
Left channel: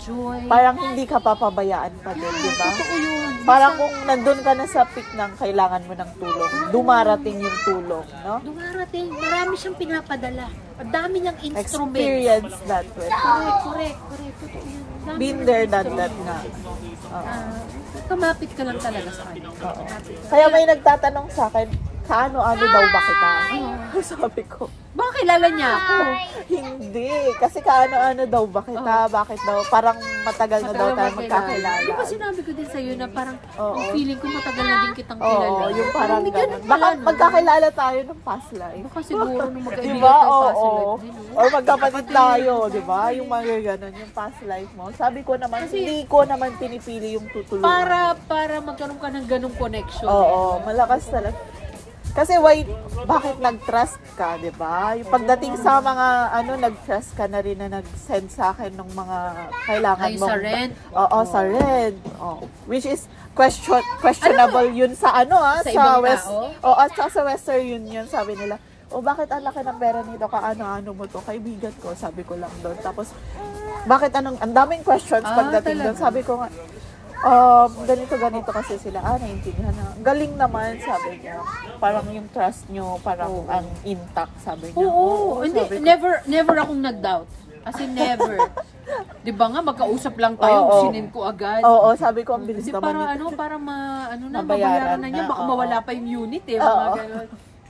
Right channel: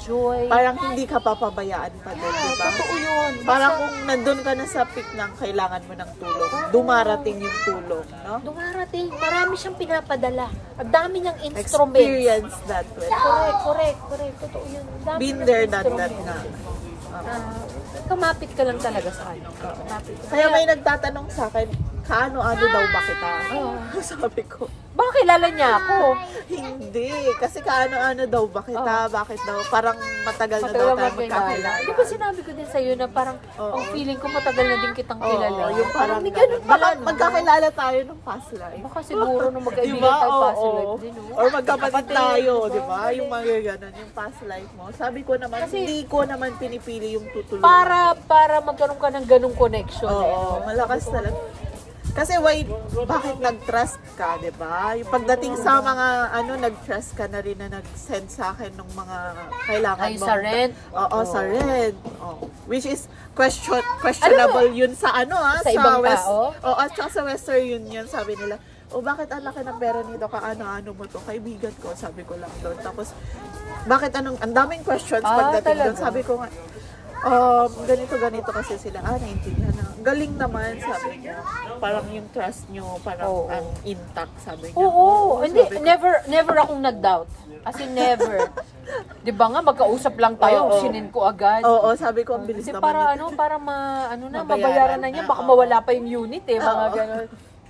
joy. Parang hindi ka papabayaan pa din, di ba? Totoo yun. Parang kung nandun ka na sa peak ng kailangan mo ng tulong, dumarating yung tulong, no? Dumarating, marami siyang pinapadala. Ang dami niyang instruments. Experience that with. Correct. Totoo yun. Ang dami Been niyang there, done that instruments. nga. Oo. Kumapit ka lang talaga sa kanya. Oo. Kumapit ka. Kaya may nagtatanong sa akin, kaano-ano daw ba kita? Oo. Sabi ko, Baka kilala niya ako. hindi. Kasi kaano-ano daw ba kita? Bakit daw? Parang matagal na daw tayo magkakilala. Di ba sinabi ko din sa'yo na parang Oo. ang feeling ko matagal na din kitang kilala. Oo, yung parang may ganun. ganun Baka pala, no? magkakilala tayo ng past life. Baka siguro nung magkaibigan Diba? tayo past Oo. life din, no? Or magkapatid tayo, di ba? Yung mga ganun, yung past life mo. Sabi ko naman, hindi ko naman pinipili yung tutulungan. Para magkaroon ka ng ganung connection. Oo, malakas talaga. Kasi bakit nag-trust ka, di ba? Yung pagdating sa mga, nag-trust ka na rin na nag-send sa akin ng mga kailangan Ay, mo. sa rent? Oo, sa rent. Oh. Which is questionable yun sa Sa ibang West. tao? Oo, at saka sa Western Union, sabi nila, bakit ang laki ng pera nito? Kaano-ano mo to? Kaibigan ko, sabi ko lang doon. Tapos, bakit ang daming questions pagdating doon? Talaga? Sabi ko nga, ganito kasi sila, naintindihan na. Galing naman, sabi niya. Parang yung trust nyo, parang ang intact, sabi niya. Oo, hindi, sabi ko. never akong nag-doubt. As in, never. Di ba nga, magkausap lang tayo, Oo. sinin ko agad. Oo, sabi ko, ang bilis Kasi naman. para Mabayaran mabayaran na niya, na, baka oo. mawala pa yung unit mga Oo. ganun.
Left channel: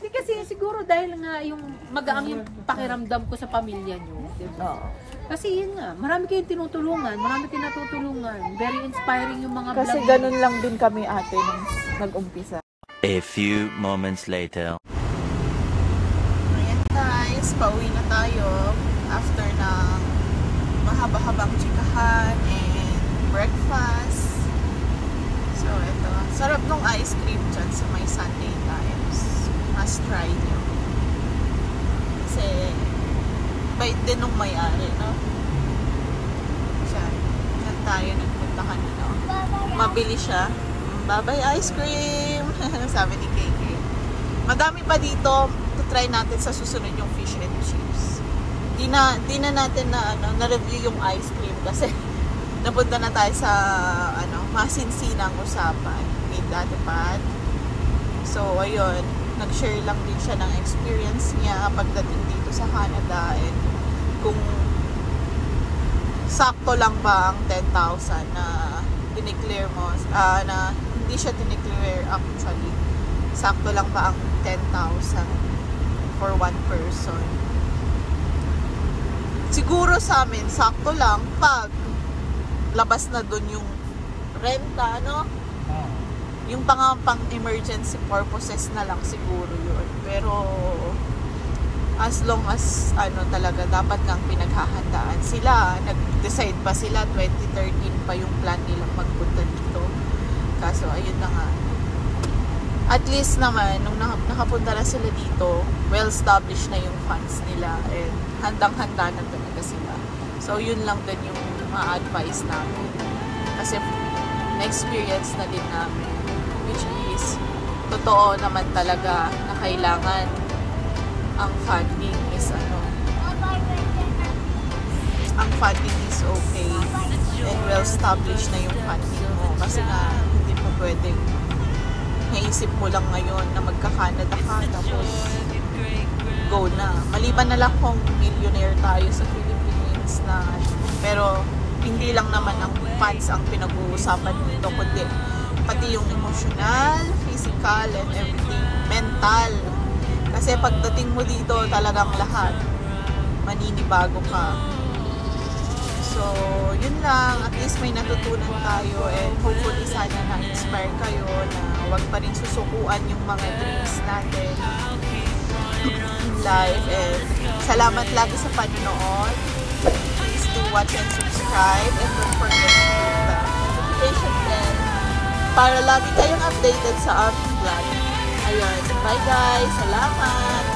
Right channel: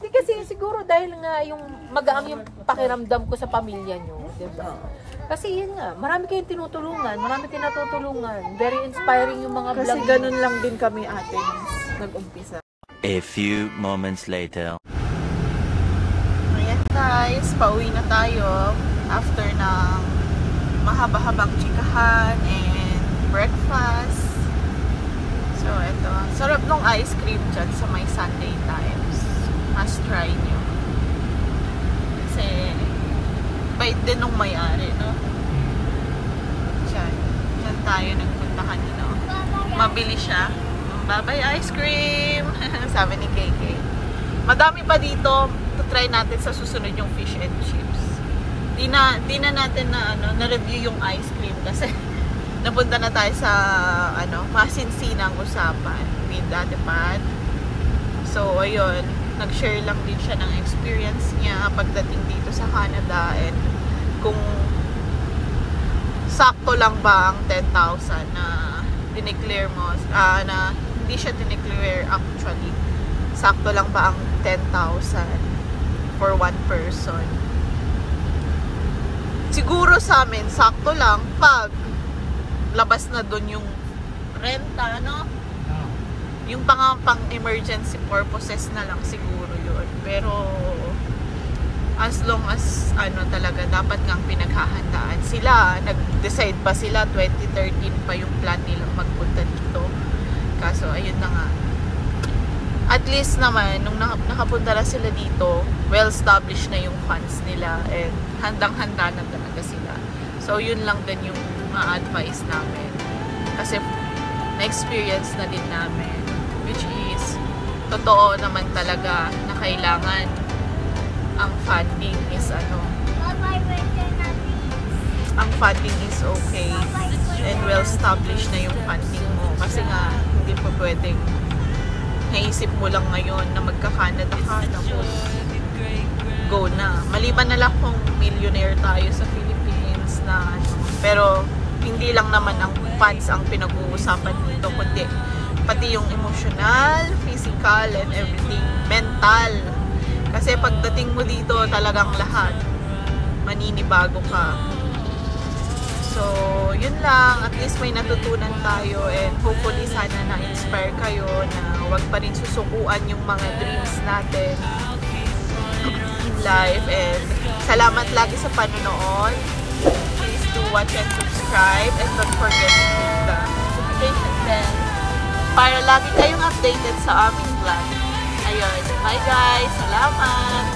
Kasi siguro dahil nga yung magaang yung pakiramdam ko sa pamilya nyo, di ba? Oo. Kasi yun nga, marami kayong tinutulungan, marami kayong natutulungan. Very inspiring yung mga Kasi vlog. ganun lang din kami ate nung nag-umpisa. A few moments later. Ayan guys, pauwi na tayo after ng mahaba-habang chikahan and breakfast. So ito, sarap nung ice cream dyan sa may Sunday Times. Must try nyo. Kasi bait din nung may-ari, no? Diyan tayo nagpuntahan, no? Mabili siya. Bye-bye ice cream! Sabi ni KK. Madami pa dito. To try natin sa susunod yung fish and chips. Di na natin na-review yung ice cream kasi napunta na tayo sa masinsinang usapan with Ate Pat. So, ayun. Nag-share lang din siya ng experience niya pagdating dito sa Canada and kung sakto lang ba ang 10,000 na dineclare mo, na hindi siya dineclare actually. Sakto lang ba ang 10,000 for one person? Siguro sa amin, sakto lang pag labas na dun yung renta, no? Yung pang emergency purposes na lang siguro yun. Pero as long as talaga dapat kang pinaghahandaan sila. Nag-decide pa sila 2013 pa yung plan nilang magpunta dito. Kaso ayun na nga. At least naman nung nakapunta na sila dito, well established na yung funds nila and handang-handa na talaga sila. So So, yun lang din yung ma-advise namin. Kasi, na-experience na din namin. Which is, totoo naman talaga na kailangan ang funding is ang funding is okay. And well-established na yung funding mo. Kasi nga, hindi pa pwedeng naisip mo lang ngayon na magka-Canada ka, tapos go na. Maliban na lang kung millionaire tayo sa Philippines na pero hindi lang naman ang funds ang pinag-uusapan dito, kundi pati yung emotional, physical, and everything, mental. Kasi pagdating mo dito, talagang lahat maninibago ka. So, yun lang. At least may natutunan tayo and hopefully sana na-inspire kayo na huwag pa rin susukuan yung mga dreams natin in life. And salamat lagi sa panonood. Please do watch and subscribe and don't forget to hit the notification bell para lagi kayong updated sa aming vlog. Ayun. Bye guys! Salamat!